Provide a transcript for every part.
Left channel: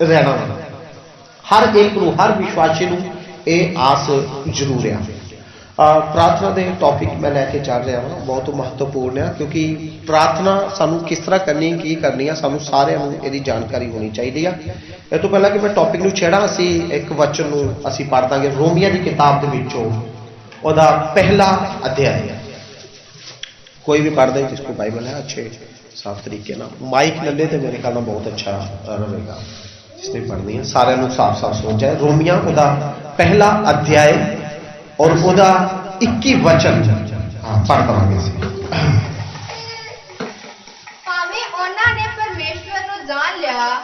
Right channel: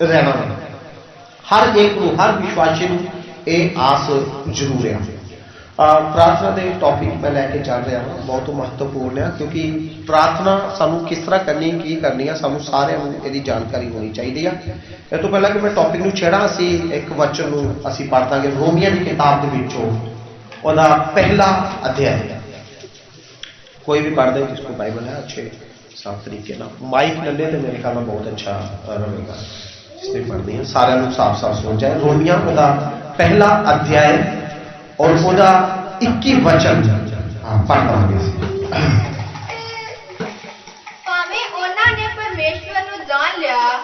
रहना। हर एक नूं, हर विश्वासी नूं ये आस जरूर है। प्रार्थना के टॉपिक मैं लैके चल रहा हाँ, बहुत महत्वपूर्ण है, क्योंकि प्रार्थना सानू किस तरह करनी की करनी है, सानू सारिਆਂ ਨੂੰ ਇਹਦੀ जानकारी होनी चाहिए है। इस तो पहला कि मैं टॉपिक ਨੂੰ छेड़ा, असी एक वचन ਨੂੰ ਅਸੀਂ पढ़ ਦਾਂਗੇ रोमिया की किताब के विचों ਉਹਦਾ पहला अध्याय। कोई भी पढ़ दे जिसको बाइबल है अच्छे साफ तरीके ना, माइक ले ले तो मेरे ख्याल में बहुत अच्छा रहेगा। जिसने पढ़नी है सारे साफ साफ सुन जाए। रोमिया ਉਹਦਾ पहला अध्याय और ਉਹਦਾ 21 वचन पढ़ देंगे।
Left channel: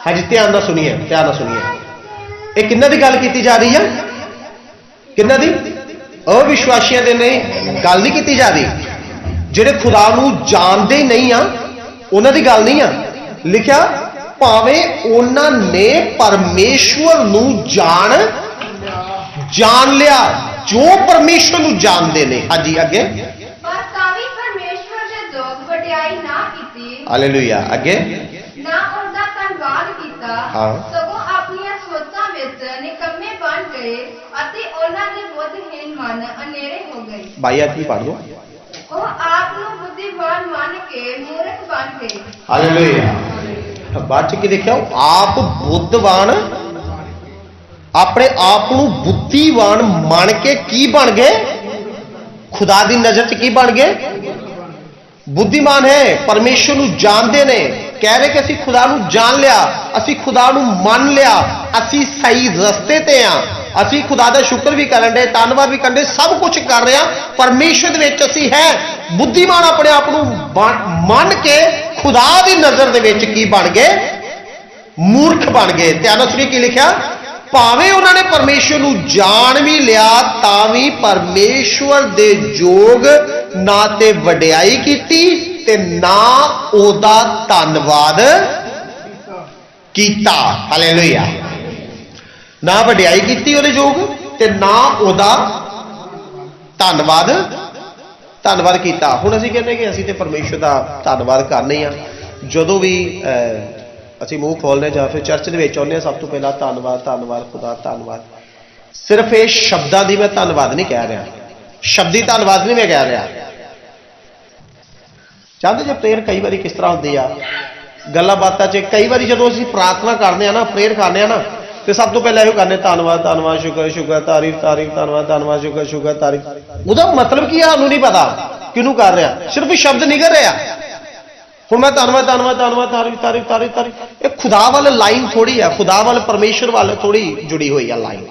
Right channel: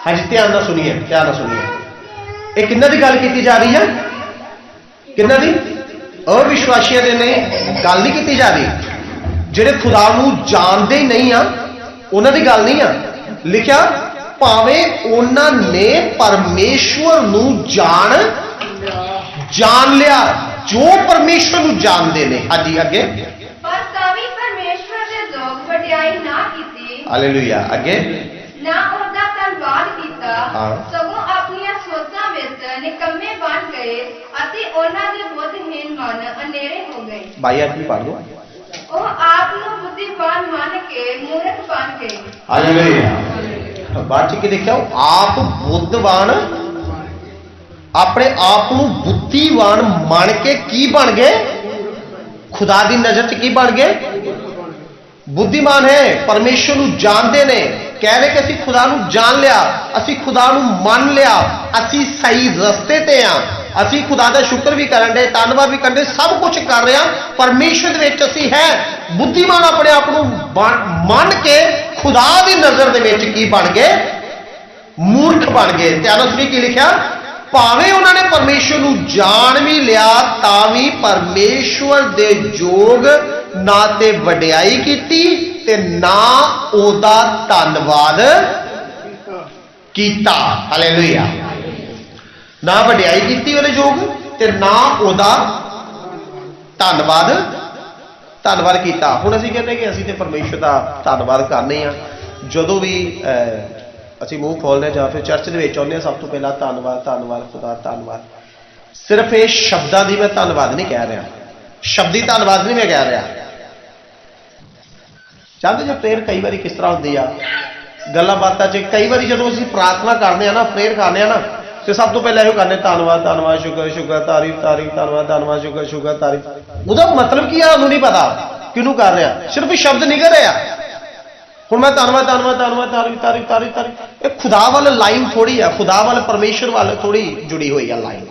हाँ जी, ध्यान ना सुनिए, ध्यान ना सुनिए। ये किन्ना दी गल की जा रही है? किन्ना दी? अविश्वासियों दे ने गल नहीं की जा रही, जेडे खुदा नूं जानते ही नहीं आ उन्हां दी गल नहीं आ। लिखा भावें उन्हां ने परमेश्वर नूं जान लिया, जो परमेश्वर नूं जानते ने। हाँ जी, अगे हालेलुया। अगे ना उनका धन्यवाद कीता, सगों अपनी सोचां विच निकम्मे बन गए अते उन्हां दे बुद्धिहीन मन अनेरे हो गए। भाई आदमी पढ़ लो। ਉਹ ਆਪ ਨੂੰ ਬੁੱਧੀਵਾਨ ਮੰਨ ਕੇ ਮੂਰਖ ਬਣ ਗਏ। हालेलुया। बाद च की लिखा? आप बुद्धवान, अपने आप को बुद्धिवान मान के की बन गए? खुदा दी नजर च की बन गए? बुद्धिमान है, परमेश्वर नूं जानते ने। कह रहे कि असी खुदा नूं जान लिया, असी खुदा नूं मान लिया, असी सही रस्ते ते हाँ, असी खुदा का शुक्र भी करन दे, धन्नवाद भी करन दे, सब कुछ कर रहे हैं परमेश्वर दे विच असी है। बुद्धिमान अपने आप को मान के खुदा की नजर दे विच की बन गए? मूर्ख बन गए। ध्यान सुनिए की लिखा? भावें उन्होंने परमेश्वर को जान भी लिया तां भी परमेश्वर दे जोग ना ते वडियाई कीती ते ना ओदा धन्नवाद कीता। हालेलुया। ना वडियाई कीती ओदे जोग ते ना ओदा धन्नवाद कीता। हुण असीं कहने कि असीं ते परमेश्वर का धन्नवाद करने आ जदों भी ਅਸੀਂ ਮੂੰਹ ਖੋਲਦੇ ਜਾਂ ਫਿਰ ਚਰਚ ਦੇ ਵਿੱਚ ਆਉਂਦੇ ਹਾਂ। ਸਭ ਤੋਂ ਪਹਿਲਾਂ ਧੰਨਵਾਦ, ਧੰਨਵਾਦ ਖੁਦਾ, ਧੰਨਵਾਦ। ਸਿਰਫ ਇਹ ਸ਼ਬਦਾਂ ਦੀ ਮੈਂ ਧੰਨਵਾਦ ਨਹੀਂ ਕਹਿ ਰਿਹਾ, ਸ਼ਬਦੀ ਧੰਨਵਾਦ ਨਹੀਂ ਮੈਂ ਕਹਿ ਰਿਹਾ। ਚਾਹਦੇ ਜੇ ਪ੍ਰੇਅਰ ਕਈ ਵਾਰੀ ਕਿਸ ਤਰ੍ਹਾਂ ਹੁੰਦੀ ਆ ਗੱਲਾਂ ਬਾਤਾਂ 'ਚ, ਕਈ ਵਾਰੀ ਜਦੋਂ ਅਸੀਂ ਪ੍ਰਾਰਥਨਾ ਕਰਦੇ ਆ ਨਾ, ਪ੍ਰੇਅਰ ਕਰਦੇ ਆ ਨਾ, ਤੇ ਸਭ ਤੋਂ ਪਹਿਲਾਂ ਇਹੋ ਕਹਿੰਦੇ ਧੰਨਵਾਦ, ਧੰਨਵਾਦ, ਸ਼ੁਕਰ, ਸ਼ੁਕਰ, ਤਾਰੀਫ, ਤਾਰੀਫ, ਧੰਨਵਾਦ, ਧੰਨਵਾਦ, ਸ਼ੁਕਰ, ਸ਼ੁਕਰ, ਤਾਰੀਫ। ਉਹਦਾ ਮਤਲਬ ਕੀ ਆ ਸਾਨੂੰ ਨਹੀਂ ਪਤਾ ਕਿਹਨੂੰ ਕਰ ਰਿਹਾ, ਸਿਰਫ ਸ਼ਬਦ ਨਿਕਲ ਰਿਹਾ। ਹੁਣ मैं धन्यवाद, धन्यवाद, धन्यवाद, तारीफ, तारीफ, तारीफ, तारीफ, ये खुदा वाले लाइन थोड़ी है, खुदा वाले परमेश्वर वाले थोड़ी जुड़ी हुई है लाइन।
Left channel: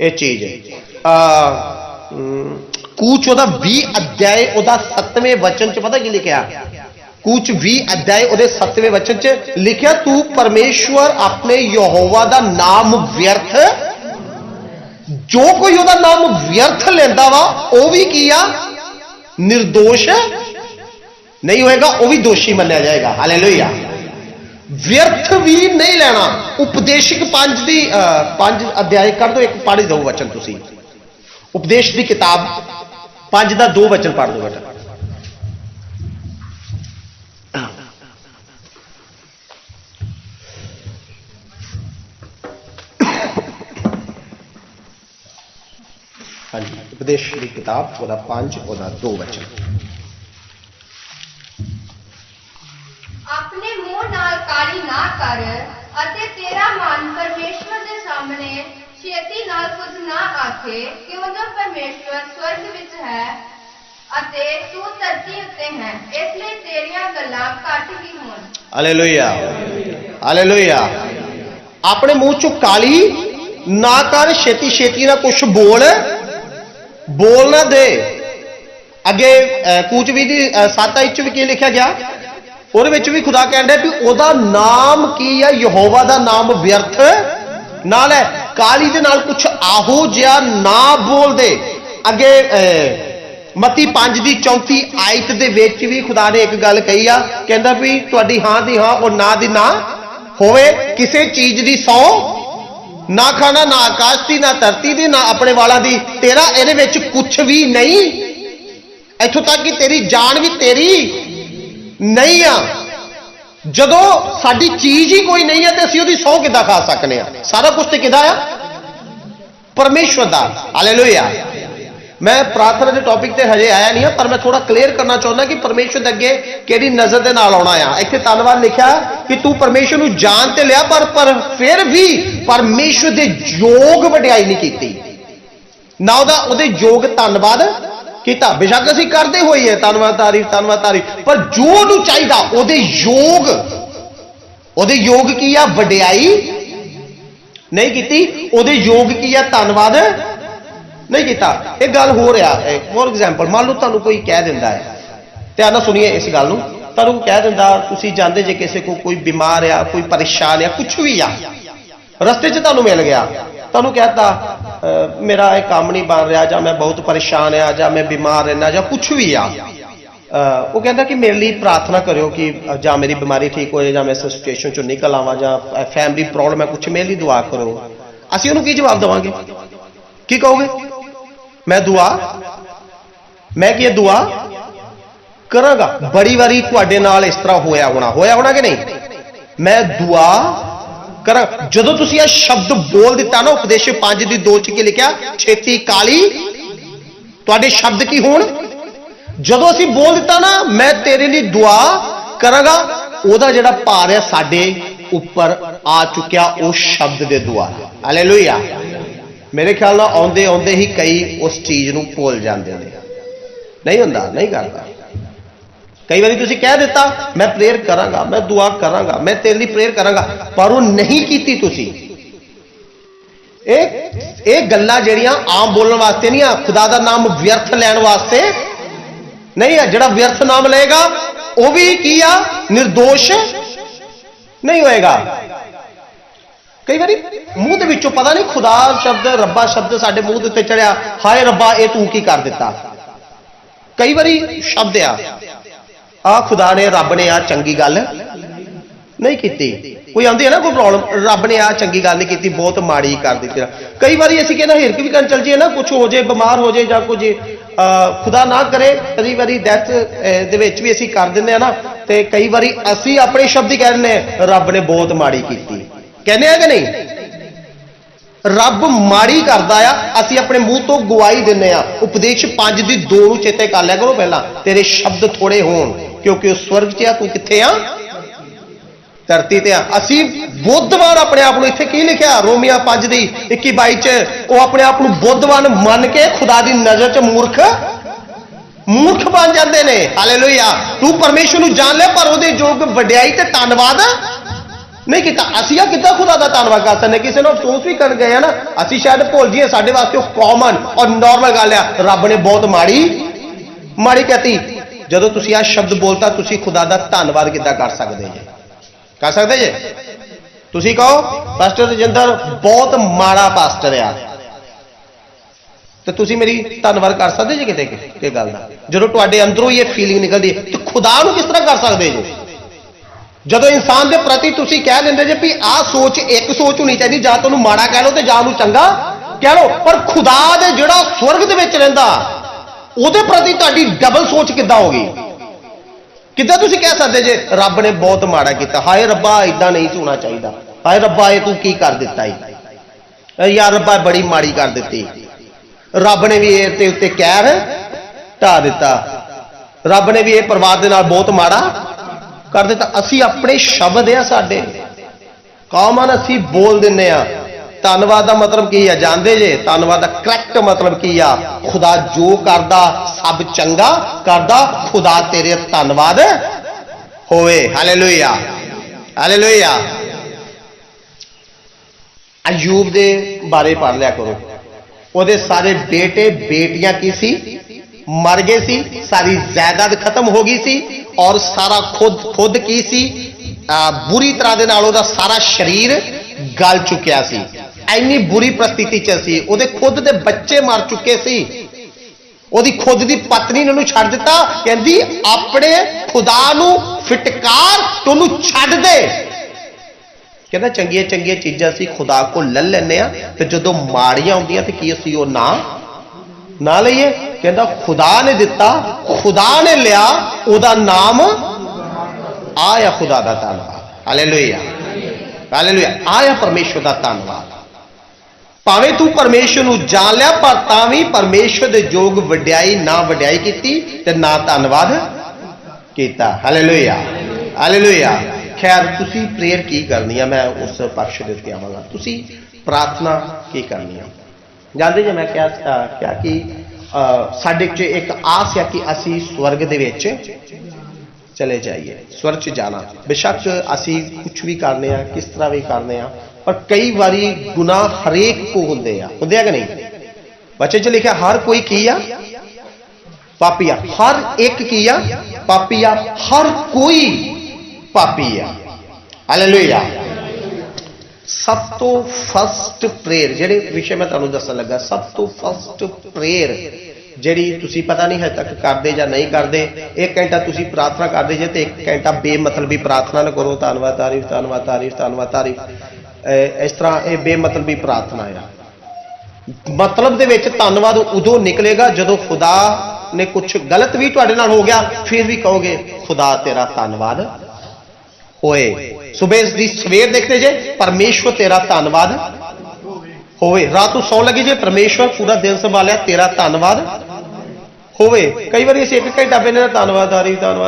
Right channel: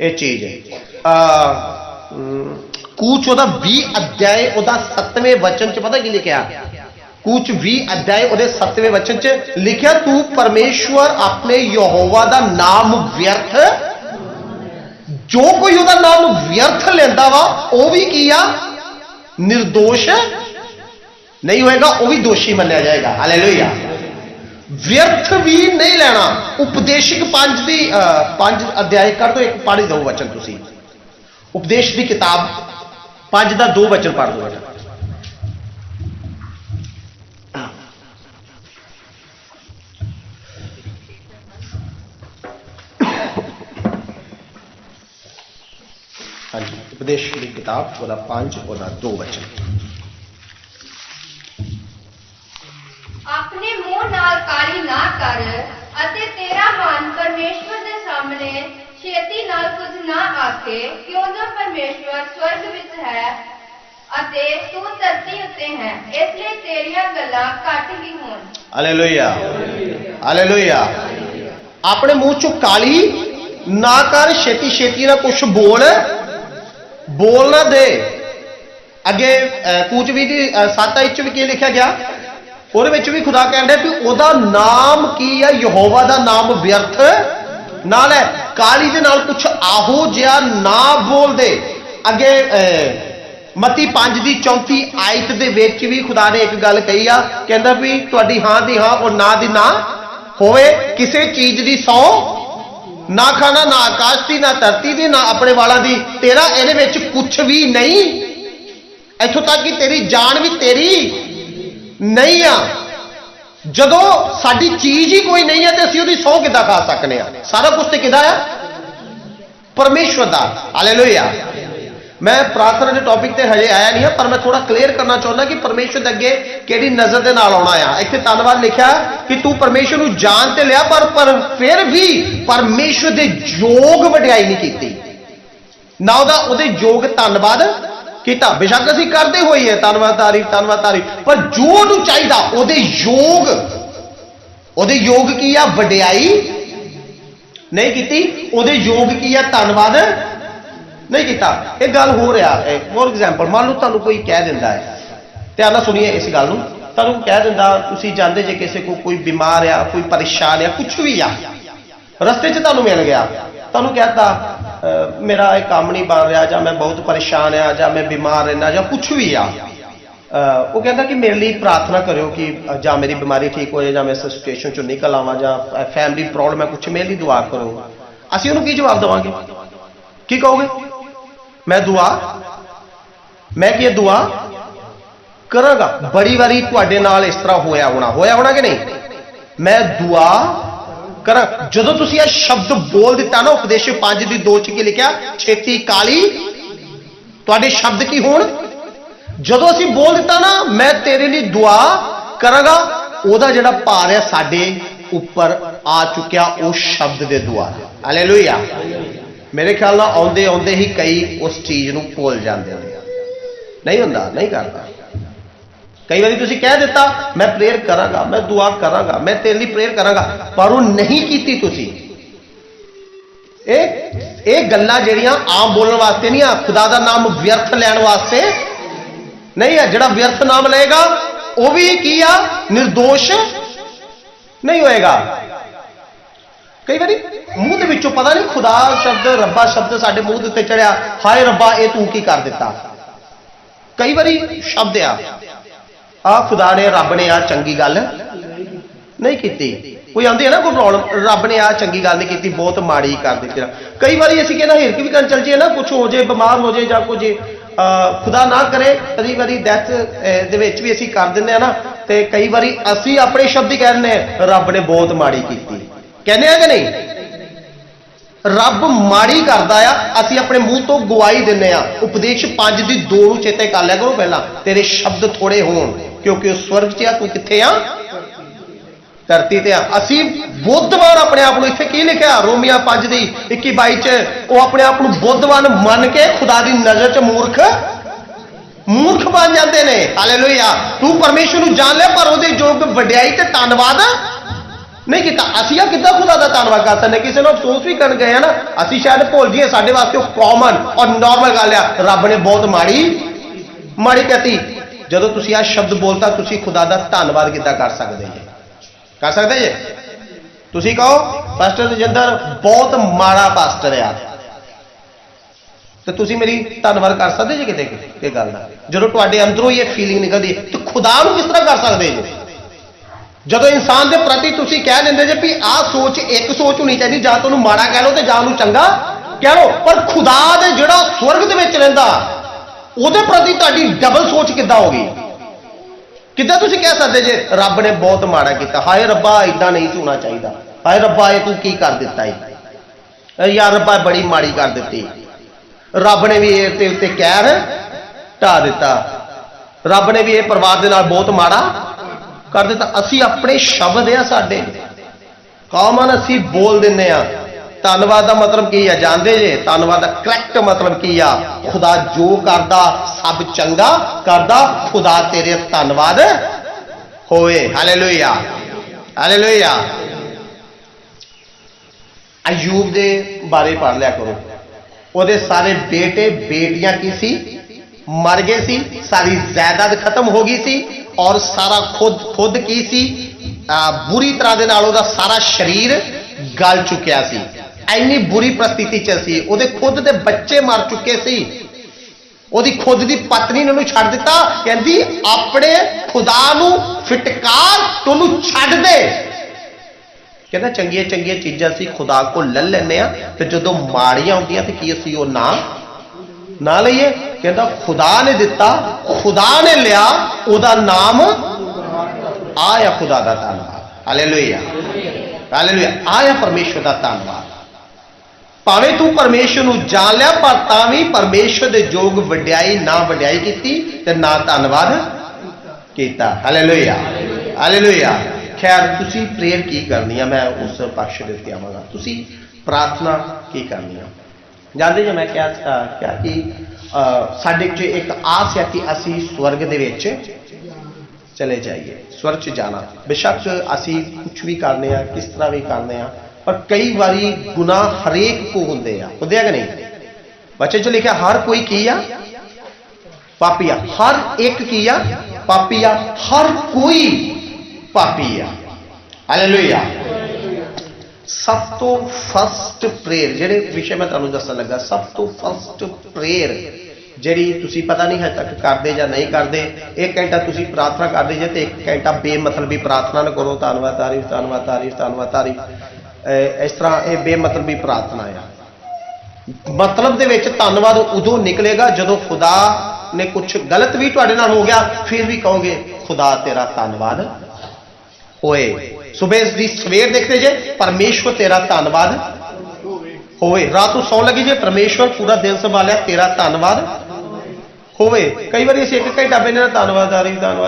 ये चीज है। कूच 20 अध्याय 7वें वचन च पता की लिखा? कूच 20 अध्याय 7वें वचन च लिखा, तू परमेश्वर अपने यहोवा दा नाम व्यर्थ, जो कोई ओदा नाम व्यर्थ लेंदा वा वो भी किया निर्दोष नहीं होएगा, वो भी दोषी मन्या जाएगा। हालेलुया। व्यर्थ भी नहीं लेना। उपदेशक 5 अध्याय कर दो, एक पढ़ दो वचन तुसी। उपदेश की किताब 5 का 2 वचन पढ़ दो बेटा। हाँ जी, उपदेश की किताब 5 2 वचन। अपने मुंह नाल काली ना कर अते तेरा मन परमेश्वर दे सामने छेती नाल कुछ ना आखे, क्यों जो परमेश्वर स्वर्ग विच है अते तू धरती उत्ते है, इसलिए तेरियां गल्लां घट ही होण। Hallelujah, hallelujah. अपने मुंह चो काली ना कर, छेती छेती ना कुछ बोल ना दे। अगे कूच भी 7 भी की लिखा गया? ਉਹਦੇ ਵਿੱਚ ਵੀ खुदा कहता भी ਉਹਦਾ नाम की है, यहोवा ਦਾ नाम व्यर्थ नाल है। काली दे नाल कुछ आहो जिहा ना बोल दे। अगे मत्ती 5 की 34 आयत दे विच भी खुदा ने एक गल कही आ, कहता भी तुहाडी हां दी हां और ना दी ना होवे, किसी चीज दी सौ ना खाना, ना आकाश की, ना धरती दी, ना अपने वालों की, तेरा इहदे विच कुछ भी नहीं। इत्थों तक कि तेरी जान भी तेरी नहीं आ। ਜਦੋਂ ਸਾਡੀ ਚੀਜ਼ ਹੀ ਕੋਈ ਨਹੀਂ ਹੈ ਤੇ ਅਸੀਂ ਉਹਦੀ ਸਹੁੰ ਕਿੱਦਾਂ ਖਾ ਸਕਨੇ ਆ? ਸਾਰਾ ਕੁਝ ਤੇ ਕਿਹਦਾ ਆ? ਪਰਮੇਸ਼ਵਰ ਦਾ। ਹਾਲੇਲੂਇਆ। मैं प्रार्थना के टॉपिक ते हजे आया नहीं है, पर मैं थोड़ा क्लियर करना चाहता कि परमेश्वर अगे केड़ी नजर दे नाल आउणा आ। इत्थे धन्नवाद लिखा कि तू परमेश्वर नूं जान ते लिया, पर फिर भी परमेश्वर दे योग वडियाई नहीं कीती, ना उहदे योग धन्नवाद कीता। बेशक असीं करदे होई है धन्नवाद तारीफ, पर जो उहनूं चाहीदा उहदे योग की आ? वडियाई नहीं कीती। उहदे योग की आ? धन्नवाद नहीं किया। एक गल हो रहा है, फॉर एग्जाम्पल मान लो तुहानूं कोई कह दिंदा है, ध्यान नाल सुनिए इस गल नूं, तुहानूं कह दिंदा तुसीं जांदे जे किसी को कोई बीमार आ, कोई परेशान है, कुछ भी आ, रस्ते च तुहानूं मिल गया, तुहानूं कहता मेरा एक काम नहीं बन रहा, जां मैं बहुत परेशान आ, जां मैं बीमार रहना, जां कुछ भी आ, वो कहता कि मेरे लिए प्रार्थना करो कि जां मेरी बीमारी ठीक हो जाए, जां मैं इस सिचुएशन चों निकल आवां, जां फैमिली प्रॉब्लम है कुछ, मेरे लिए दुआ करो। असीं उहनूं की जवाब देवांगे? की कहोगे? मैं दुआ करांगा। बड़ी बारी तुहाडे नाल इस तरह होया होना कि नहीं? मैं दुआ करा। जदों तुसीं यह शब्द बोल दिता ना, उपदेश 5:2 च की लिखा, छेती काली तुहाडे शब्द की होण। जदों असीं बोल दिता ना मैं तेरे लिए दुआ करांगा, ओहदा जिहड़ा भार है साडे उपर आ चुकिया, उस शब्द दे दुआ। हालेलुया। मेरे ख्याल नाल आउंदे आउंदे ही कई उस चीज़ नूं भुल जांदे ने, नहीं हुंदा, नहीं करता। कई बार तुसीं कह दिता मैं प्रेयर करांगा, मैं दुआ करांगा, मैं तेरे लिए प्रेयर करांगा, पर वो नहीं कीती तुसीं। ਇਹ ਗੱਲਾਂ ਜਿਹੜੀਆਂ ਆਮ ਬੋਲਣ ਵਾਸਤੇ ਨਹੀਂ ਆ, खुदा ਦਾ ਨਾਮ व्यर्थ ਲੈਣ ਵਾਸਤੇ नहीं है। ਜਿਹੜਾ व्यर्थ नाम ਲਏਗਾ ਉਹ ਵੀ ਕੀ ਆ? निर्दोष नहीं होएगा। कई बार मूँह के विचों पता नहीं खुदा शब्द रब्बा शब्द साडे मूँह उत्ते चढ़िया, हाय रब्बा ये तू की कर दिता। कई बार शब्द आ खुदा ने रब ने आ चंगी गल नहीं की। कोई आती है ना कोई प्रॉब्लम, रब ने आ चंगी गल नहीं की, बहुत माड़ी कर दी। कई बार असीं कहना हिरक भी कर चल जाइए ना, कुछ हो जाए, बीमार हो जाए, जां कुछ खुदा ना करे, कई बार डेथ दे विच भी असीं कर दिंदे ना, ते कई बार असीं अपने शब्द ही कह दिंदे रब ने बहुत माड़ी की, कहने कि नहीं? रब माड़ी करता है, असीं अपने मूँह तो गवाही दिंदे आ। उपदेश 5:2 चेते कर लिया करो पहला, तेरे शब्द थोड़े होण क्योंकि वो स्वर्ग च आ, तू कित्थे आ? धरती ते आ। असीं बुद्धवान अपने आप को, इत्थे की लिखिया रोमिया 5:21-22 च, वो अपने आप को बुद्धवान मन के खुदा की नजर च मूर्ख बन जाते हैं। हालेलुया। तू परमेश्वर नूं जान ले, पर उहदे योग वडियाई ते धन्नवाद नहीं किया। असीं किद्दां खुदा का धन्नवाद कर सकते? किसी ने अफसोस भी कर गए ना, असीं शायद भुल जाइए, साडे वास्ते कॉमन और नॉर्मल गल है, रब ने बहुत माड़ी कहती। जदों तुसीं आ शब्द बोलता, तुसीं खुदा का धन्नवाद किद्दां कर सकते जे? कर सकते जे? तुसीं कहो पास्टर रजिंदर बहुत माड़ा पास्टर है, तो तुसीं मेरी धन्नवाद कर सकते जे किते कि गल दा? जदों तुहाडे अंदरों ये फीलिंग निकलदी है, तो खुदा नूं किस तरह कर सकते जे? जदों इंसान के प्रति तुसीं कह दिंदे जे भी आ सोच, एक सोच होनी चाहिए, जां तुहानूं माड़ा कह लो ते जां नूं चंगा कह लो, पर खुदा दे जिहड़ा स्वर्ग दे विच रहिंदा उहदे प्रति तुहाडी डबल सोच किद्दां हो गई? किद्दां तुसीं कह सकदे जे रब ने बहुत माड़ा कीता, हाय रब्बा इदां नहीं होना चाहिए, हाय रब्बा ये तू की कर दिता है, यार रब्बा बड़ी माड़ी कर दी, रब ने भी इहदे उत्ते कहर ढा दिता, रब ने भी ये परिवार दे नाल बहुत माड़ा कर दिता। असी अपने शब्द आ साडे कॉमन, असी बोल दिंदे आ। धन्नवाद का मतलब की है जानते जे? धन्नवाद का करैक्ट मतलब की आ? खुदा जो करदा सब चंगा करदा, खुदा तेरे धन्नवाद होए। Hallelujah, hallelujah. अयूब दे बारे पढ़ लिया करो, ਉਹਦੇ सारे बेटे बेटियां की सी मर गए सी, सारी जायदाद खत्म हो गई सी, और सारा खुद की सी बुरी तरह दे नाल ओहदा सारा शरीर गल चुकिया सी। इन्नी बुरी परिस्थिति च सी, ओहदे खुद दे बच्चे मर चुके सी, ओहदी खुद दी पत्नी ने उहनूं छड्ड दिता, कहंदी अपने खुदा नूं फिटकार तो उहनूं छड्ड दे। कहता चंगिया चंगिया चीज़ां सी खुदा को ले लैने आ, ते जदों माड़ियां आउंदियां ते की असीं ओह ना लईए। कहता खुदा ने दिता, खुदा ने लिया, ओहदा नाम आया खुदा का धन्यवाद, हालेलुया हालेलुया, आया परमेश्वर का धन्यवाद। भावें तू परमेश्वर नूं जान लिया पर तां भी परमेश्वर दे जोग वड्याई ना वड्याई कीती ते ना धन्नवाद कीता, हालेलुया हालेलुया। खैर तुसी प्रेयर की करनी है, मैं उस पक्ष दे उत्ते आवांगा। तुसी प्रार्थना की करनी है। जानते जे मैं क्या कि साडे च एक आस है कि असी स्वर्ग दे विच चले जाइए, स्वर्ग च जाना। बेशक असी कुछ भी करने आ, किस तरह भी करने आ, पर कई बारी गुनाह हरेक को होंदे आ कि नहीं। बच्चे च लिखा हर कोई की आ पापी आ, हर एक की आ पापी आ, हर कोई पापी आ, हालेलुया। सब तो फस्ट प्रेयर जेडे विषय मैं तुहानूं दस्सण लगा, सब तो फस्ट प्रेयर ਜਿਹੜੀ ਤੁਸੀਂ पता नहीं हजे तक करते या नहीं करते। एक घंटा तुसी प्रार्थना करते जे तो एक घंटा बेमतलबी प्रार्थना न करो, धन्नवाद तारीफ धन्नवाद तारीफ धन्नवाद तारीफ, इस तरह ये बेमतलबी प्रार्थना है। मतलब दे विच धन्नवाद उदों निकलेगा जदों खुदा ने कुछ गलत भी तुहाडे नाल हो गया, फिर भी कहोगे खुदा तेरा धन्नवाद होए। सुबह दी सवेर देखते जे परमेश्वर तेरा धन्नवाद होवे, रात को सौ लगी जे परमेश्वर पूरा दिन संभालिया तेरा धन्नवाद होवे। कई बार असीं एक घंटा पहले धन्नवाद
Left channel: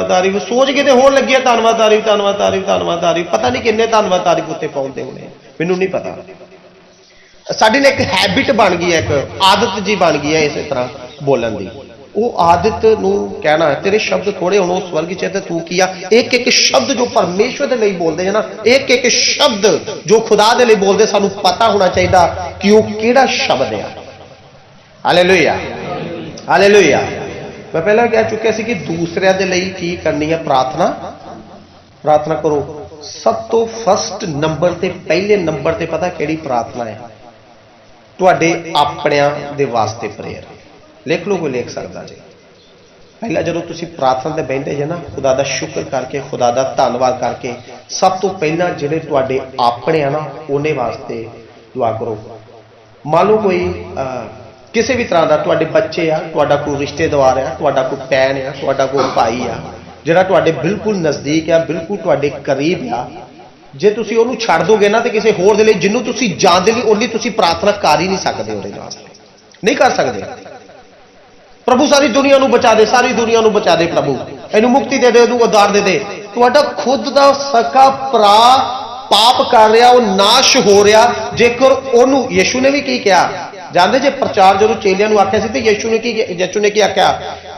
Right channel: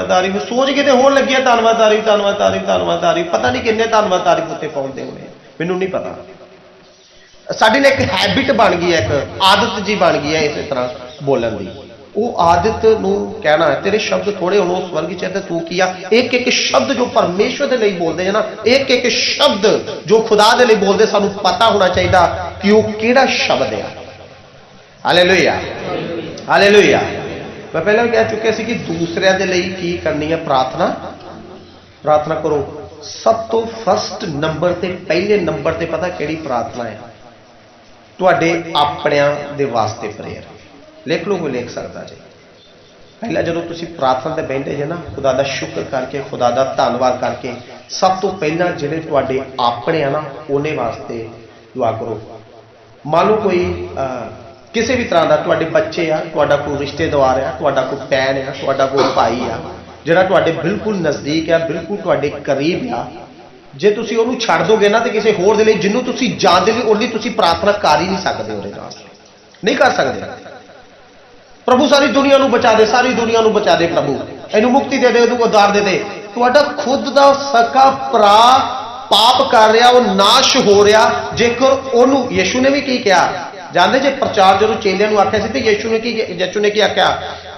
तारीफ सोच के तो होण लगी धन्नवाद तारीफ धन्नवाद तारीफ धन्नवाद तारीफ, पता नहीं किन्ने धन्नवाद तारीफ उत्ते पहुंचते होने, मैनूं नहीं पता। साडी ने एक हैबिट बन गई है, एक आदत जी बन गई है इस तरह बोलन की। वो आदत नूं कहना तेरे शब्द थोड़े होने स्वर्ग च, तू किया एक एक शब्द जो परमेश्वर के लिए बोलते हैं ना, एक एक शब्द जो खुदा के लिए बोलते, सानू पता होना चाहिए कि वो किहड़ा शब्द है। Hallelujah hallelujah. मैं पहले कह चुका सी कि दूसरे के लिए की करनी है प्रार्थना, प्रार्थना करो। सब तो फस्ट नंबर ते पहले नंबर ते पता किहड़ी प्रार्थना है, तुहाडे आपणियां दे वास्ते प्रेयर। लिख लो, कोई लिख सकता जी। पहला जो तुम प्रार्थना से बहते जे ना, खुदा का शुक्र करके खुदा का धन्नवाद करके सब तो पहला जिहड़े तुहाडे अपने आ ना उन्हें वास्ते दुआ करो। मान लो कोई किसी भी तरह का तुहाडे बच्चे आ, तुहाडा कोई रिश्तेदार है, तुहाडा कोई भैन है, तुहाडा कोई भाई आ जिहड़ा तुहाडे बिल्कुल नज़दीक है, बिल्कुल तुहाडे करीब आ, जे तुसीं उहनूं छड्ड दोगे ना तो किसी होर दे लई जिन्नूं तुसीं जानदे नहीं उहदी तुसीं प्रार्थना कर ही नहीं सकदे, उहदे नाल नहीं कर सकदे। प्रभु सारी दुनिया नूं बचा दे, सारी दुनिया नूं बचा दे प्रभु, इहनूं मुक्ति दे दे, इहनूं उद्धार दे दे। तुहाडा खुद दा सका भरा पाप कर रहा, वो नाश हो रहा। जेकर उहनूं यीशु ने भी की कहा, जानदे जे प्रचार जो चेलियां नूं आख्या सी ते यीशु ने की आख्या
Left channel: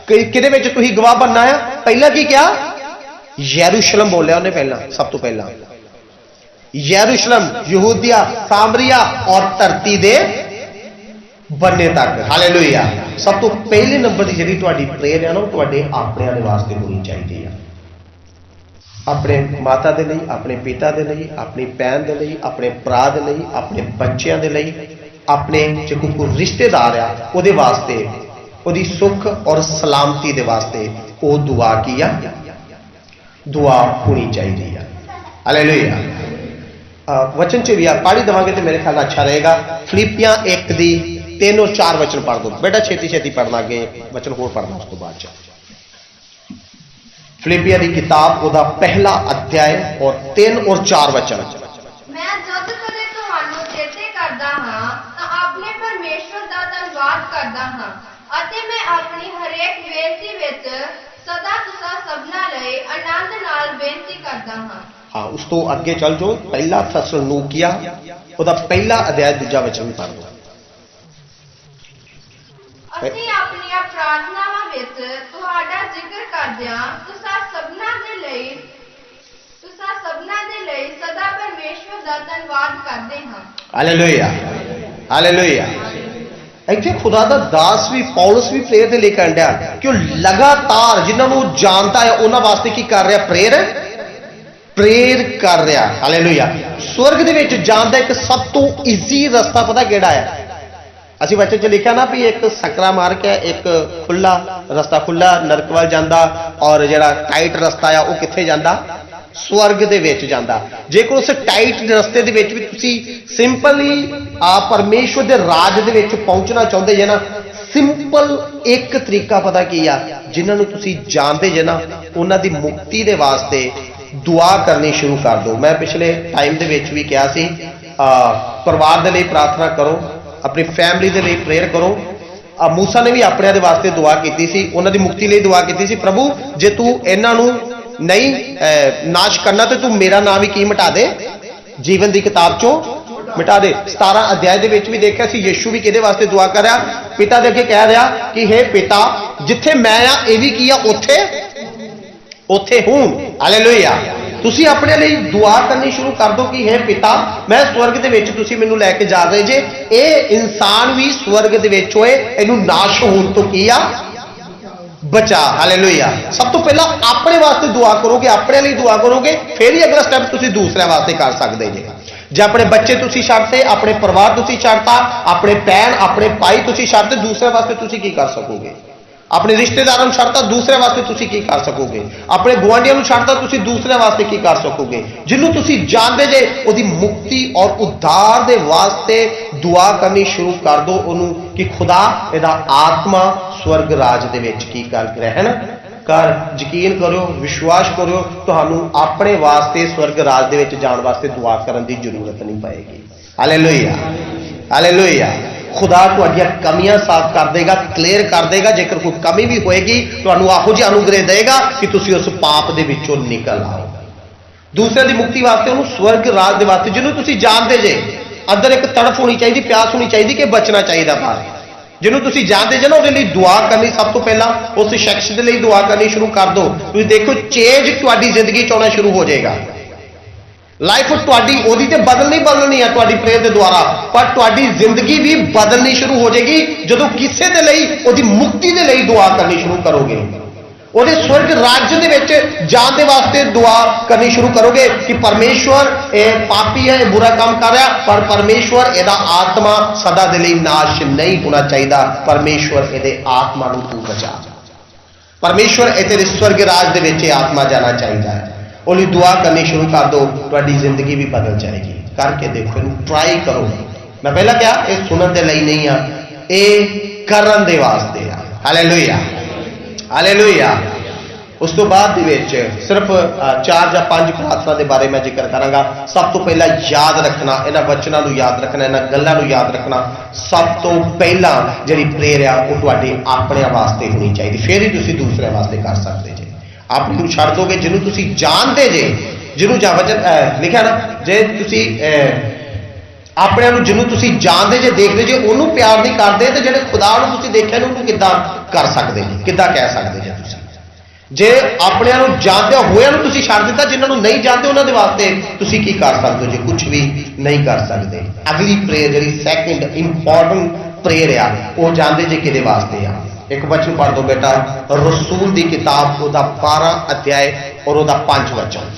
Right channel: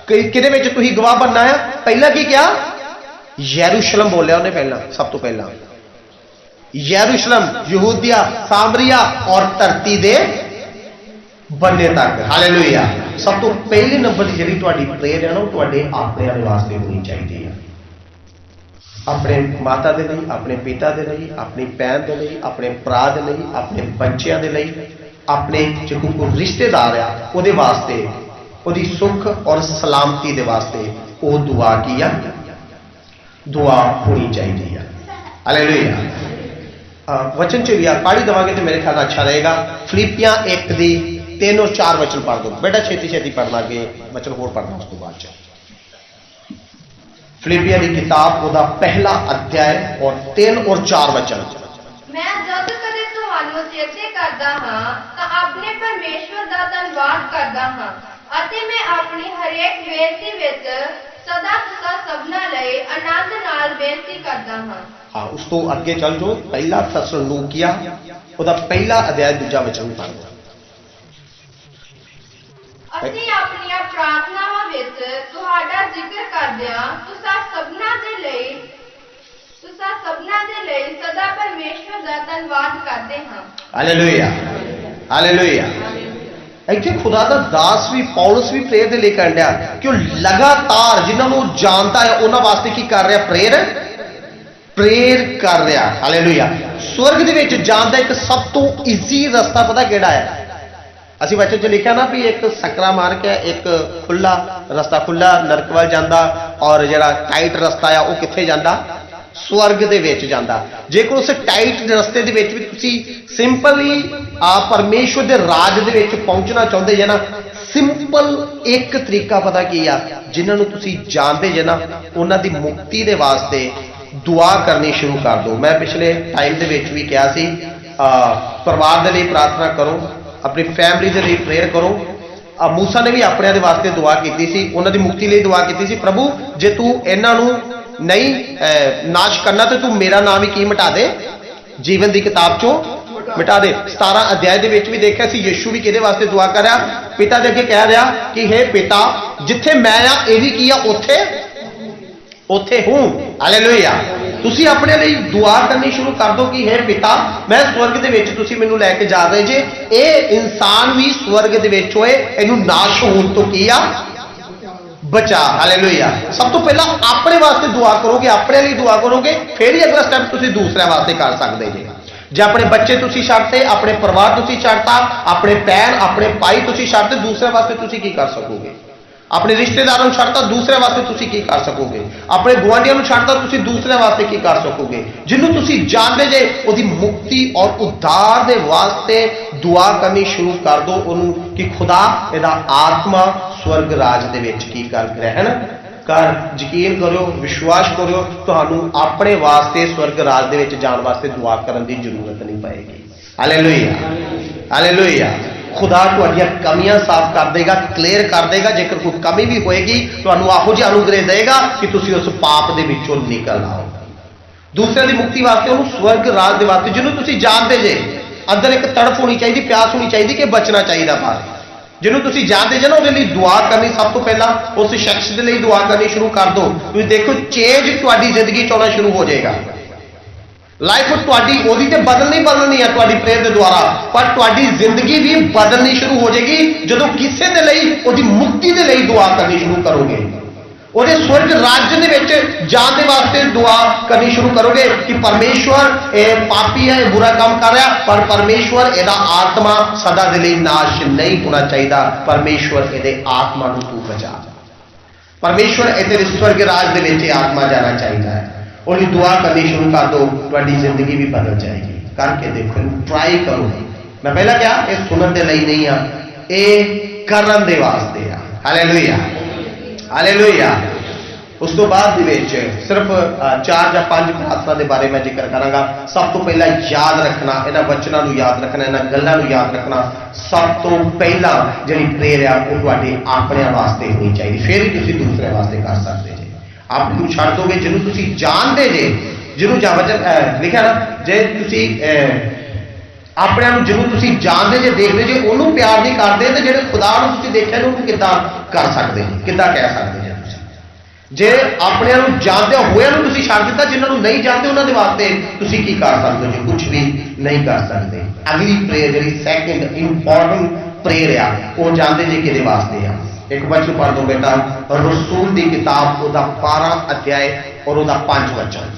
किहदे विच तुसीं गवाह बनना है। पहला की कहा यरूशलेम बोलिया उन्हें, पहला सब तो पहला यरूशलेम, यहूदिया, सामरिया और धरती दे बनने तक। हालेलुया। सब तो पहले नंबर की जी प्रेयर है ना, वो अपने वास्ते होनी चाहिए। अपने माता के लिए, अपने पिता के लिए, अपनी भैन के लिए, अपने भरा के लिए, अपने बच्चों के लिए, अपने जो कोई रिश्तेदार है वो वास्ते, वो सुख और सलामती के वास्ते वो दुआ की है, दुआ होनी चाहिए। हालेलुया। वचन च भी पढ़ी देवांगे तो मेरे ख्याल अच्छा रहेगा। फिलिपियां 1 दी 3 और 4 वचन पढ़ दो बेटा, छेती छेती पढ़ना, अगे वचन होर पढ़ना उस तो बाद। फिलिपियां की किताब ओदा पहला अध्याय और 3 और 4 वचन। मैं जद कदे तुहानू चेते करदा हां तां अपने परमेश्वर दा धन्नवाद करदा हां अते मैं अपनी हरेक बेनती विच सदा तुसा सबना लई आनंद नाल बेनती करदा हां। हाँ, उस तो अगे चल जाओ, पहला थस्सलुनीकियां ओदा पहला अध्याय दूजा वचन पढ़ दो। ਅਸੀਂ ਆਪਣੀਆਂ ਪ੍ਰਾਰਥਨਾਵਾਂ ਵਿੱਚ ਤੁਹਾਡਾ ਜ਼ਿਕਰ ਕਰਦਿਆਂ ਤੁਸਾਂ ਸਭਨਾਂ ਦੇ ਲਈ ਸਦਾ ਪਰਮੇਸ਼ਵਰ ਦਾ ਧੰਨਵਾਦ ਕਰਦੇ ਹਾਂ। Hallelujah hallelujah. ਇੱਥੇ ਖੁਦਾ ਦਾ ਦਾਸ ਵੀ ਪੌਲਸ ਵੀ ਪ੍ਰੇਅਰ ਦੇ ਲਈ ਕਹਿਣ ਡਿਆ ਕਿ ਉਹ ਲਗਾਤਾਰ ਜਿਨ੍ਹਾਂ ਨੂੰ ਜਾਣਦਾ ਹੈ ਉਹਨਾਂ ਵਾਸਤੇ ਕੀ ਕਰ ਰਿਹਾ, ਪ੍ਰੇਅਰ ਕਰ ਰਿਹਾ। ਹਾਲੇਲੂਇਆ। स्वर्ग ਦੇ ਵਿੱਚ ਜਾਣ ਦਾ ਇੱਕ ਸਭ ਤੋਂ ਈਜ਼ੀ ਰਸਤਾ ਪਤਾ ਕਿਹੜਾ ਹੈ? ਅਸੀਂ वचन च लिखा ना भी एक सकरा मार के एक खुला रस्ता, खुला नरक वाल जांदा और जिहड़ा टाइट रस्ता आ वो कित्थे जांदा? स्वर्ग दे विच जांदा। जेकर उस टाइट रस्ते दे विच भी तुसीं सिंपली परमेश्वर दे राज दे विच पहुंचना चाहुंदे जे ना, सिंपल एक तरीका पता की आ, जिन्हां नूं तुसीं जानदे जे ना, उन्हां दी मुक्ति दे वास्ते दुआ करनी शुरू कर दो। मैं पिछले टाइम के भी कहा सी परिवार के लिए प्रार्थना करो, अपनी फैमिली के लिए प्रेयर करो। मूसा ने भी अपने दे वास्ते दुआ की सी, उन्होंने मुक्ति लिए दुआ की सी, प्रभु जे तू इन्हों नहीं नाश करना तो तू मेरा नाम ही की मिटा दे, जीवन की किताब चो मिटा दे। 17 अध्याय के भी देखा सी यीशु भी किहदे वास्ते दुआ कर रहा, पिता दे अगे कह रहा कि हे पिता जिथे मैं आ ये भी की आ उथे उथे हूं। हालेलुया। तुसी अपने लिए दुआ करनी शुरू कर दो कि हे पिता मैं स्वर्ग दे विच तुसी मैनूं लैके जा रहे जे, ये इंसान भी स्वर्ग दे विच होए, इहनूं नाश होण तो की आ बचा। हालेलुया। सब तो पहला अपने वास्ते दुआ करोगे, अपने लिए दुआ करोगे, फिर ही अगला स्टेप तुसी दूसरे वास्ते कर सकते जे। जे अपने बच्चे तुसी छड्डते, अपने परिवार तुसी छड्डता, अपने भैन अपने भाई तुसी छड्डते, दूसरे वास्ते तुसी की कर सकोगे? अपने रिश्तेदारों छड्डता, दूसरे वास्ते तुसी की कर सकोगे? अपने गुआंढियों छड्डता, तुसी दूसरे वास्ते की कर सकोगे? जिन्हों तुसी जानते जे उहदी मुक्ति और उद्धार दे वास्ते दुआ करनी शुरू कर दो उन्हों कि खुदा इहदा आत्मा स्वर्ग राज दे विच की कर ग्रहण कर। यकीन करो, विश्वास करो, तुहानू अपने वास्ते स्वर्ग राज दे विच जाण वास्ते दुआ करन दी जरूरत नहीं पएगी। हालेलुया। हालेलुया। खुदा तुहाडियां कमियां साफ कर देगा, क्लीयर कर देगा। जेकर कोई कमी भी होएगी तुहानू आहो जिहा अनुग्रह देगा कि तुसी उस पाप दे विचों निकल आओ। दूसरे की मुक्ति वास्ते उन्होंने स्वर्ग राज दे वास्ते जिन्हों तुसी जानते जे अंदर एक तड़फ होनी चाहिए, प्यास होनी चाहिए कि बचना चाहिए बाहर, जिन्हों तुसी जानते जे ना उहदे लई दुआ करनी। सब तो पहला उस शख्स के लिए दुआ करनी शुरू कर दो। तुसी देखो चेंज तुहाडी जिंदगी च आना शुरू हो जाएगा। लाइफ तुहाडी ओदी ते बदलनी है तुहाडी प्रेयर के द्वारा, पर तुहाडी जिंदगी भी बदलनी शुरू हो जाएगी जदों किसी के लिए ओदी मुक्ति के लिए दुआ करनी शुरू करोगे, ओदे स्वर्ग राज्य दे विच जाण दे वास्ते दुआ करनी शुरू करोगे कि परमेश्वर ये पापी है, बुरा काम कर रहा, पर परमेश्वर इहदा आत्मा सदा दे लई नाश नहीं होना चाहिए। परमेश्वर इहदे आत्मा नूं तू बचा, परमेश्वर इहदे स्वर्ग राज दे विच आत्मा जाना चाहिए है। उन्हें दुआ करनी शुरू कर दो, तुहाडी जिंदगी भी बदल जाएगी। करके देखो, ट्राई करो। मैं पहला क्या ये सुनने के लिए नहीं आ, ये करन दे वास्ते आ। हालेलुया। हालेलुया। उस तो बाद सिर्फ 4 या 5 प्रार्थना के बारे में जिक्र करांगा। सब तो पहला याद रखना, इन्हां वचनां नूं याद रखना, इन्हां गल्लां नूं याद रखना। सब तो पहला जिहड़ी प्रेयर आ वो तुहाडे अपने वास्ते होनी चाहिए, फिर ही तुसीं दूसरे वास्ते कर सकते जे। आप छड़ दोगे जिन्हों तुसी जानते जे, जिन्हों वचन लिखा ना जे तुसी अपने जिन्हों तुसी जानते जे, देखते जे, उन्होंने प्यार नहीं करते तो जेडे खुदा नूं तुसी देखिया उन्होंने किद्दां कर सकते जी, किद्दां कह सकते जे तुसी? जे अपने जानते होए तुसी छड़ दिता, जिन्होंने नहीं जानते उन्होंने वास्ते तुसी की कर सकते हो? कुछ भी नहीं कर सकते। अगली प्रेयर जी सैकेंड इंपॉर्टेंट प्रेयर आ वो जानते जे किहदे वास्ते आ? एक वचन पढ़ दो बेटा, रसूल की किताब उसका 12 अध्याय और उसका 5 वचन।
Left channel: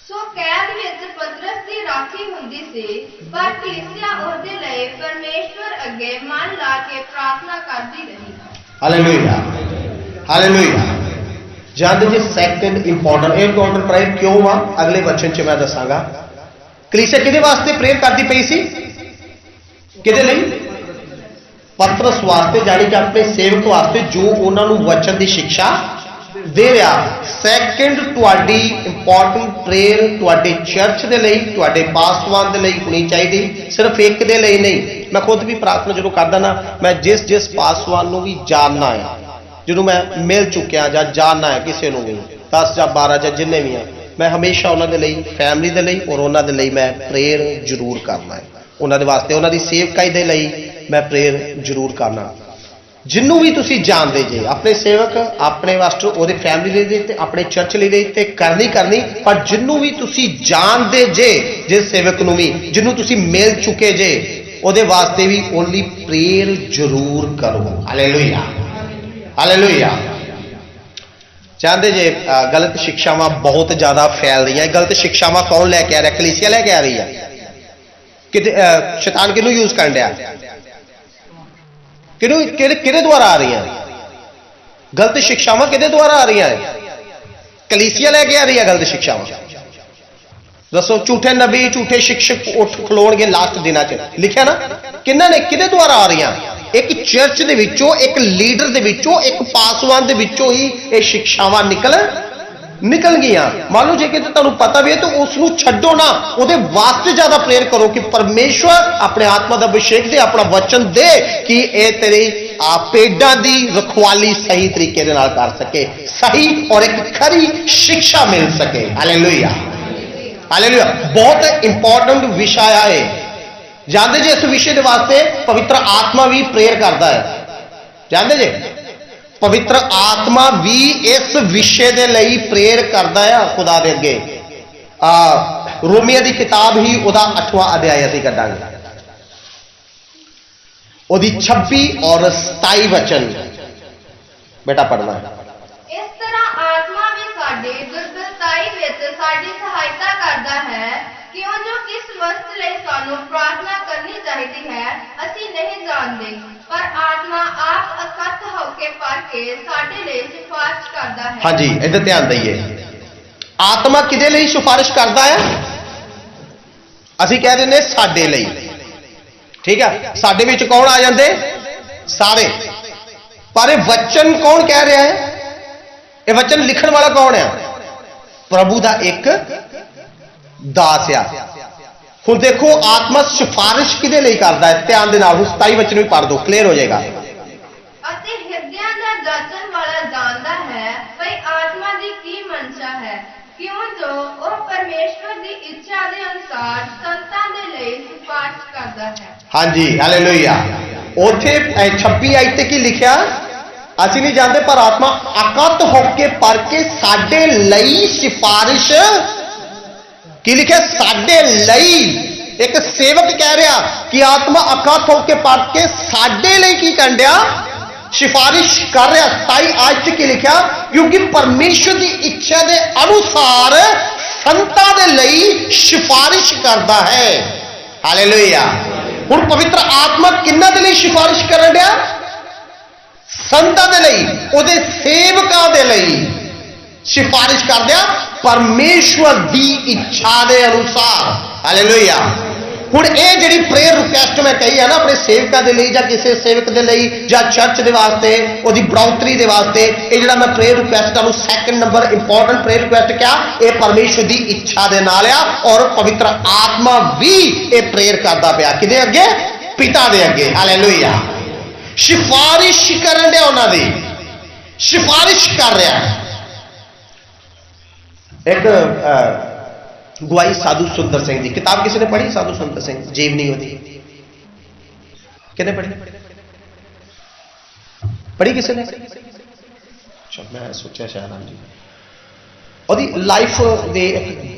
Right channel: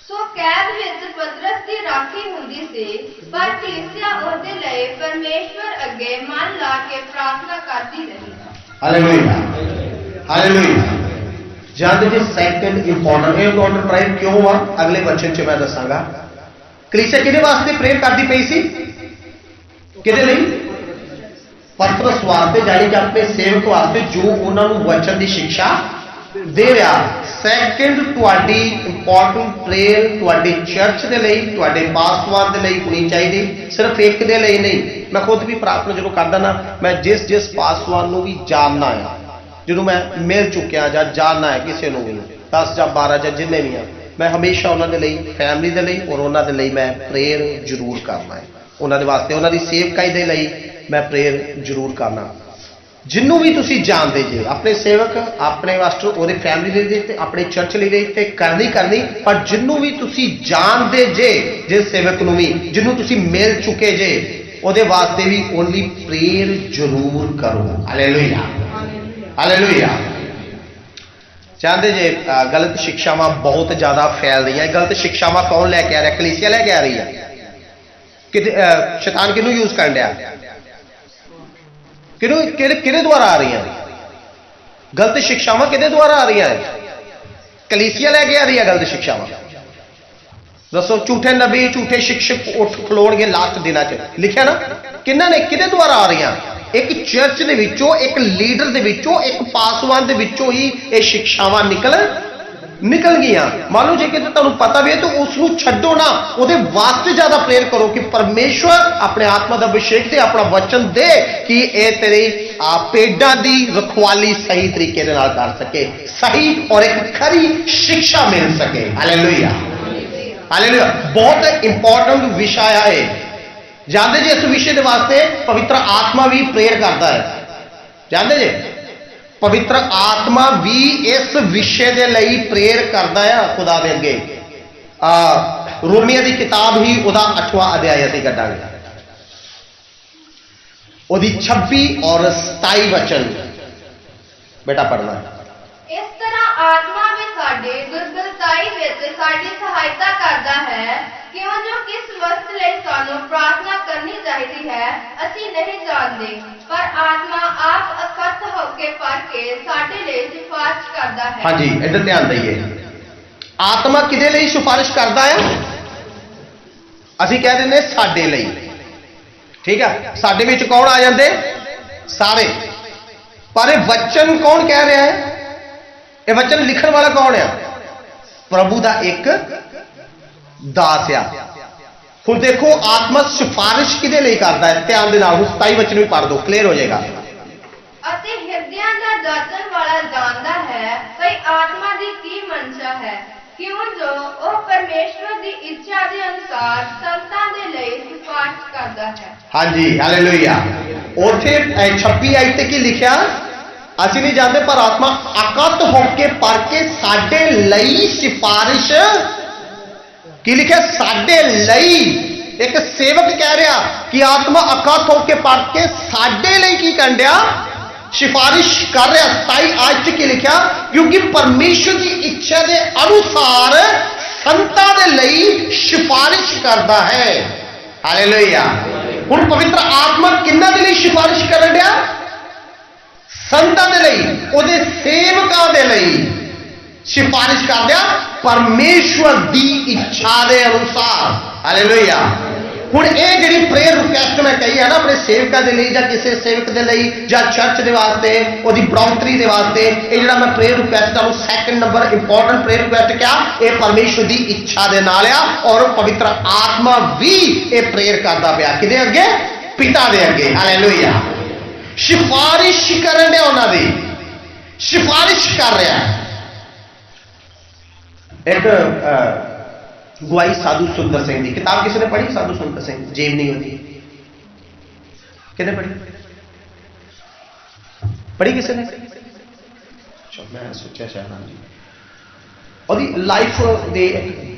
सो कैद विच पतरस की राखी हुंदी सी, पर कलीसिया उसदे लई परमेश्वर अगे मन ला के प्रार्थना करती रही। हालेलुया। हालेलुया। जानते जी सैकेंड इंपॉर्टेंट प्रेयर क्यों हुआ? अगले वचन च मैं दसांगा। कलीसिया किहदे वास्ते प्रेयर करती पई सी? किहदे लई? पतरस वास्ते, जानी कि अपने सेवक वास्ते जो उन्होंने वचन की शिक्षा दे रहा। सैकेंड तुहाडी इंपॉर्टेंट प्रेयर तुहाडे चर्च के लिए, तुहाडे पासवान के लिए होनी चाहिए, सिर्फ एक के लिए नहीं। मैं खुद भी प्रार्थना जो करदा ना, मैं जिस जिस पासवान को भी जानना है, जिन्होंने मैं मिल चुकिया या जानना है किसी को भी, 10 या 12 या जिन्हें भी है, मैं हमेशा उन्होंने लिए फैमिली के लिए और उन्होंने लिए मैं प्रेयर जरूर करना है। उन्होंने वास्ते उन्होंने सेवकाई के लिए मैं प्रेयर जरूर करना। जिन्हों भी तुसी जानते जे अपने सेवक अपने वास्ते और फैमिली लिए अपने चर्च लिए करनी, पर जिन्हों भी तुसी जानते जे, जिस सेवक नूं भी जिन्हों तुसी मिल चुके जे, उहदे वास्ते भी ओनली प्रेयर जरूर करो। हालेलुया। हालेलुया। जानते जे गलत शिक्षावां बहुत ज्यादा फैल रही हैं। गलत शिक्षावां कौन लैके आ रहा? कलीसिया लैके आ रही है। कि शैतान किनू यूज कर रहा? किहदे द्वारा आ रही हैं गलत शिक्षावां? किहदे द्वारा आ रही हैं? कलीसिया लैके आ रही है गलत शिक्षावां। दसो, झूठे नबी झूठे शिक्षक उठ खलोणगे लास्ट दिनां च, लिखिया ना, किन्हां ने किहदे द्वारा आ रही हैं? एक चर्च दे विचों, एक लीडर दे विचों, एक पासवान दे विचों ही ये शिक्षावां निकल गई। मान लो जे कि तुहानूं पता भी है तो उसनूं छड्डो ना, उहदे वास्ते ज्यादा प्रेयर करो कि परमेश्वर अपने आत्मा का अभिषेक दे, अपना वचन दे कि ये तेरी पेडां दी रखवाली सही तरीके दे नाल कर सके, सही और एक खरी शिक्षा मिल सके। Hallelujah, hallelujah. बहुत इंपॉर्टेंट विषय है। जानते जी इस विषय के वास्ते पवित्र आत्मा भी प्रेयर करता है। जानते जी पवित्र आत्मा भी इस विषय के लिए प्रेयर करता है खुदा दे अगे। रोमिया की किताब ही वह 8वां अध्याय असीं कढांगे, ਉਹਦੀ 26 और 27 वचन बेटा पढ़ना। इस तरह आत्मा भी साडे दुर्बलताई विच साडी सहायता करदा है, क्यों जो किस वस्त लई सानू प्रार्थना करनी चाहिदी है असीं नहीं जानदे, पर आत्मा आप अकथ होके पढ़ के साडे लई सिफारिश करदा है। हाँ जी, इधर ध्यान दईए। आत्मा किदे लई सिफारिश करदा है? असीं कह दिंदे साडे लई, ठीक है। साडे विच कौन आ जाते? सारे। पर यह वचन कौन कह रहा है? यह वचन लिखण वाला कौन है? प्रभु का एक दास आ। हुण देखो आत्मा सिफारिश किदे लई करदा है? ध्यान दे नाल 27 वचन भी पढ़ दो, क्लियर हो जाएगा। अते हृदयां दा जाचण वाला जानदा है भई आत्मा दी की मनसा है, क्यों जो वह परमेश्वर दी इच्छा दे अनुसार संतां दे लई सिफारिश करदा है। हाँ जी, हालेलुया। उथे 26 आयत ते की लिखिया? असीं नहीं जानते, पर आत्मा अकत होके पढ़ के साडे लई सिफारिश की लिखिया? साडे लई। एक सेवक कह रहा कि आत्मा अकत होके पढ़ के साडे लई की कर दिया? सिफारिश कर रहा। 27 आयत की लिखा? क्योंकि परमेश्वर की इच्छा के अनुसार संतां दे लई सिफारिश करता है। हालेलुया। हुण पवित्र आत्मा किन्हां दे लई सिफारिश कर रहा? संतां दे लई, उहदे सेवकां दे लई सिफारिश कर दिया परमेश्वर की इच्छा के अनुसार। हालेलुया। हुण ये जिहड़ी प्रेयर रिक्वेस्ट मैं कही है ना अपने सेवकां दे लई, जां किसी सेवक दे लई, जां चर्च दे वास्ते, उहदी बढ़ोतरी दे वास्ते, ये जिहड़ा मैं प्रेयर रिक्वेस्ट करूं, second number important prayer request क्या? ये परमेश्वर की इच्छा दे नाल आ। और पवित्र आत्मा भी ये प्रेयर करदा पिया किदे अगे? पिता दे अगे। हालेलुया। सिफारिश करन दिया, उन्हां दी सिफारिश कर रहा। एक गुआई साधु सुंदर सिंह की किताब किसी ने पढ़ी? साधु सुंदर सिंह जीवनी होती किने पढ़ी? पढ़ी किसी ने? अच्छा, मैं सोचा शायद हाँ जी। और लाइफ दे